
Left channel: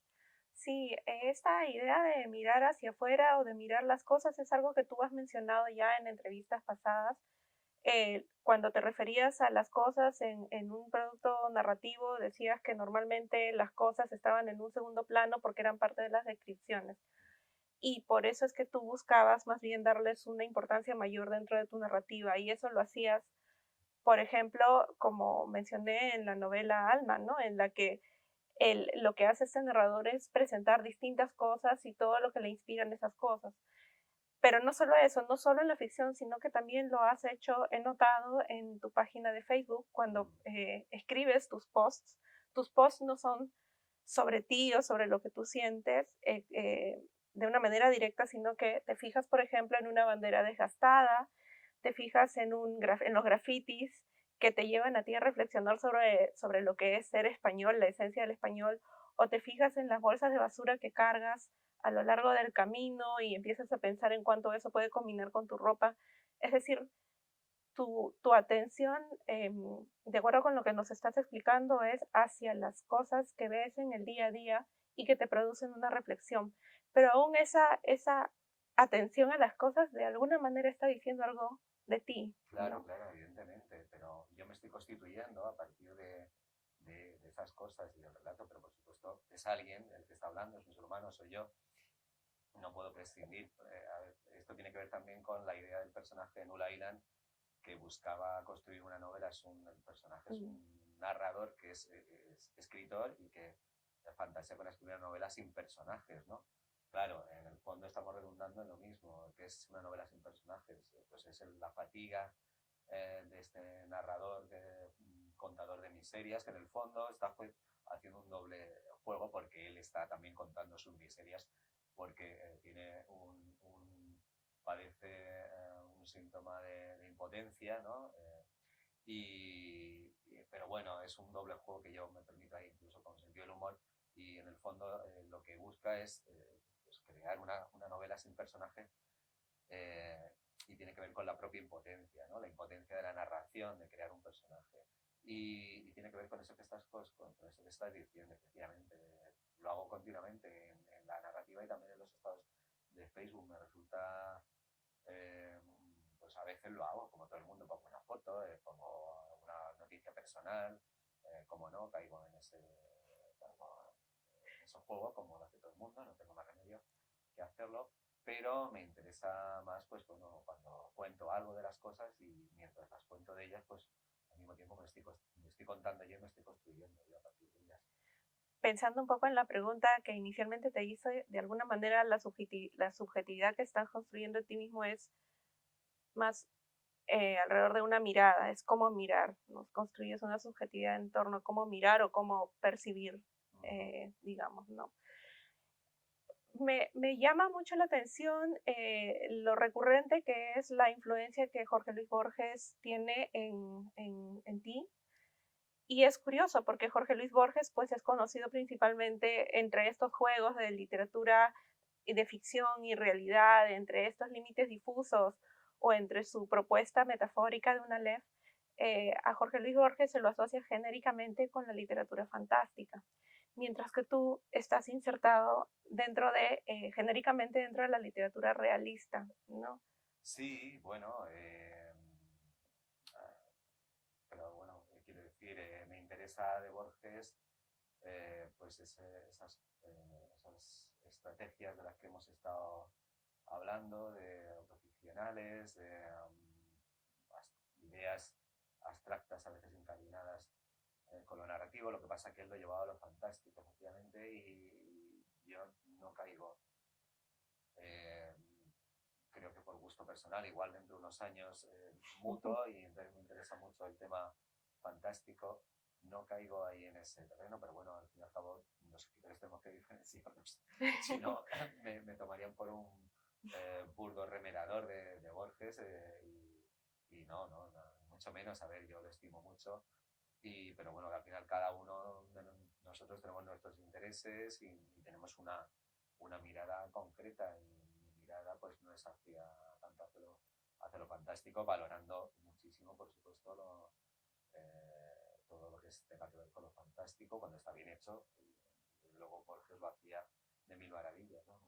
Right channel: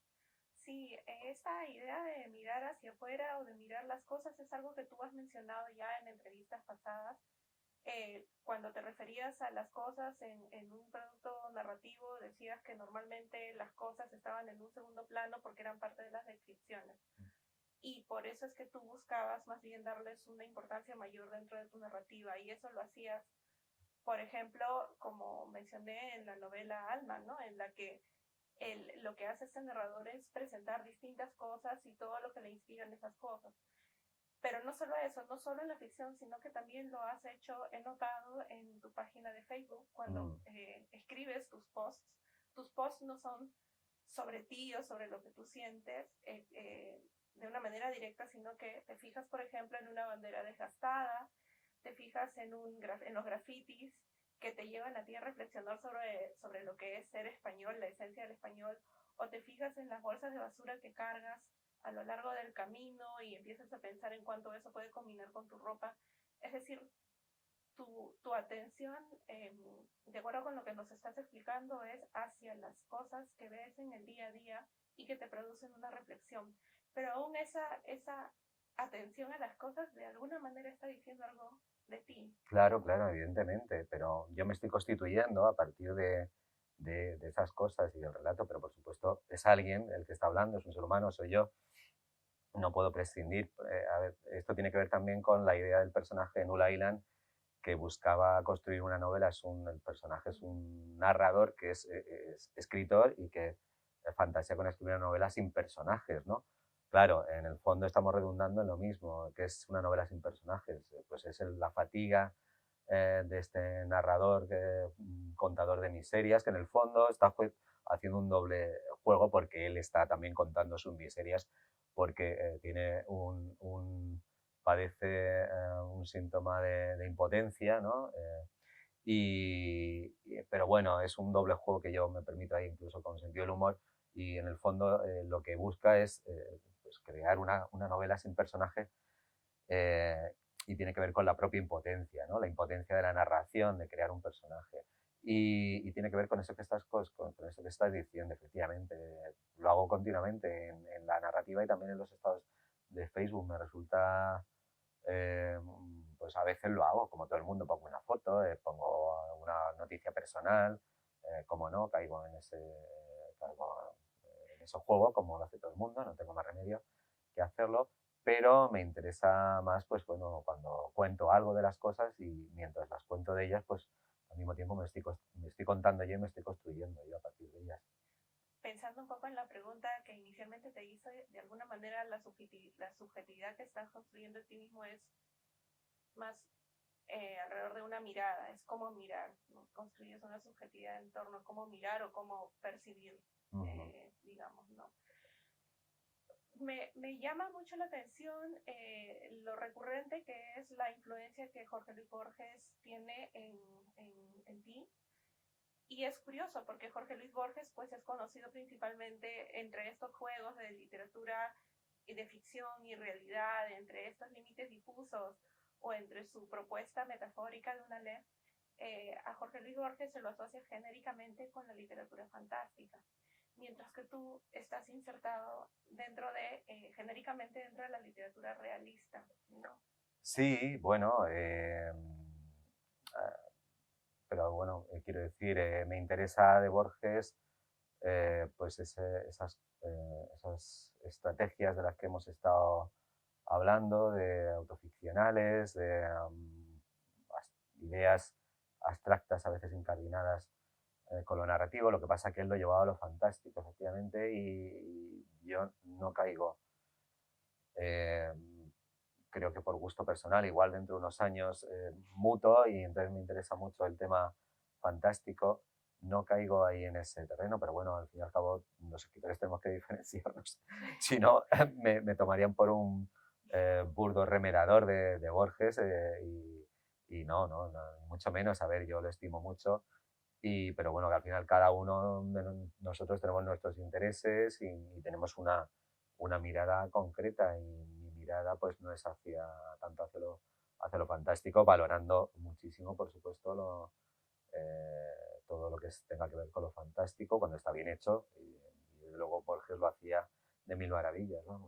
Sí, esta idea de mirar hacia afuera o de mirar las cosas es algo que tú has mencionado ya en entrevistas pasadas, cuando te referías a las cosas en un producto narrativo, decías que normalmente las cosas estaban en un segundo plano porque eran parte de las descripciones. Y por eso es que tú buscabas más bien darles una importancia mayor dentro de tu narrativa. Y eso lo hacías, por ejemplo, como mencioné en la novela Alma, ¿no? En la que lo que hace este narrador es presentar distintas cosas y todo lo que le inspiran esas cosas. Pero no solo eso, no solo en la ficción, sino que también lo has hecho, he notado en tu página de Facebook, cuando escribes tus posts. Tus posts no son sobre ti o sobre lo que tú sientes de una manera directa, sino que te fijas, por ejemplo, en una bandera desgastada, te fijas en los grafitis que te llevan a ti a reflexionar sobre lo que es ser español, la esencia del español, o te fijas en las bolsas de basura que cargas a lo largo del camino y empiezas a pensar en cuánto eso puede combinar con tu ropa. Es decir, tu atención, de acuerdo con lo que nos estás explicando, es hacia las cosas que ves en el día a día y que te producen una reflexión. Pero aún esa atención a las cosas de alguna manera está diciendo algo de ti. Claro, claro, evidentemente, pero yo me estoy constituyendo a partir de esas cosas y del relato, pero por supuesto es alguien el que está hablando, es un ser humano, soy yo, no puedo prescindir. A ver, esto tiene que ver también con la idea del personaje de Null Island, que buscaba construir una novela. El personaje es un narrador que es escritor y que fantasea con escribir una novela sin personajes, ¿no? Claro, en el fondo estamos redundando en lo mismo, que es una novela sin personajes. Pues es la fatiga de este narrador, contador de miserias, que en el fondo está haciendo un doble juego porque él está también contando sus miserias, porque tiene padece un síntoma de impotencia, ¿no? Pero bueno, es un doble juego que yo me permito ahí incluso con sentido del humor, y en el fondo lo que busca es pues crear una novela sin personaje, y tiene que ver con la propia impotencia, ¿no? La impotencia de la narración, de crear un personaje. Y tiene que ver con eso que estás, con eso que estás diciendo, efectivamente. Lo hago continuamente en la narrativa y también en los estados de Facebook. Me resulta, pues a veces lo hago, como todo el mundo, pongo una foto, pongo una noticia personal, como no, caigo en ese juego, como lo hace todo el mundo, no tengo más remedio que hacerlo, pero me interesa más, pues bueno, cuando cuento algo de las cosas y mientras las cuento de ellas, pues al mismo tiempo me estoy contando yo y me estoy construyendo yo a partir de ellas. Pensando un poco en la pregunta que inicialmente te hice, de alguna manera la subjetividad que estás construyendo en ti mismo es más alrededor de una mirada, es cómo mirar, ¿no? Construyes una subjetividad en torno a cómo mirar o cómo percibir, digamos, ¿no? Me llama mucho la atención lo recurrente que es la influencia que Jorge Luis Borges tiene en ti. Y es curioso porque Jorge Luis Borges pues, es conocido principalmente entre estos juegos de literatura y de ficción y realidad, entre estos límites difusos o entre su propuesta metafórica de una Aleph. A Jorge Luis Borges se lo asocia genéricamente con la literatura fantástica, mientras que tú estás insertado genéricamente dentro de la literatura realista, ¿no? Sí, bueno, pero bueno, quiero decir, me interesa de Borges pues esas estrategias de las que hemos estado hablando, de autoficcionales, de ideas abstractas a veces incardinadas con lo narrativo. Lo que pasa es que él lo llevaba a lo fantástico, efectivamente, y yo no caigo. Creo que por gusto personal, igual dentro de unos años muto y entonces me interesa mucho el tema fantástico. No caigo ahí en ese terreno, pero bueno, al fin y al cabo los escritores tenemos que diferenciarnos. Si no, me tomarían por un burdo remerador de Borges y no, mucho menos. A ver, yo lo estimo mucho, pero bueno, que al final cada uno de nosotros tenemos nuestros intereses y tenemos una mirada concreta, y mi mirada pues no es tanto hacia lo fantástico, valorando muchísimo, por supuesto, todo lo que tenga que ver con lo fantástico cuando está bien hecho, y desde luego Borges lo hacía de mil maravillas, vamos.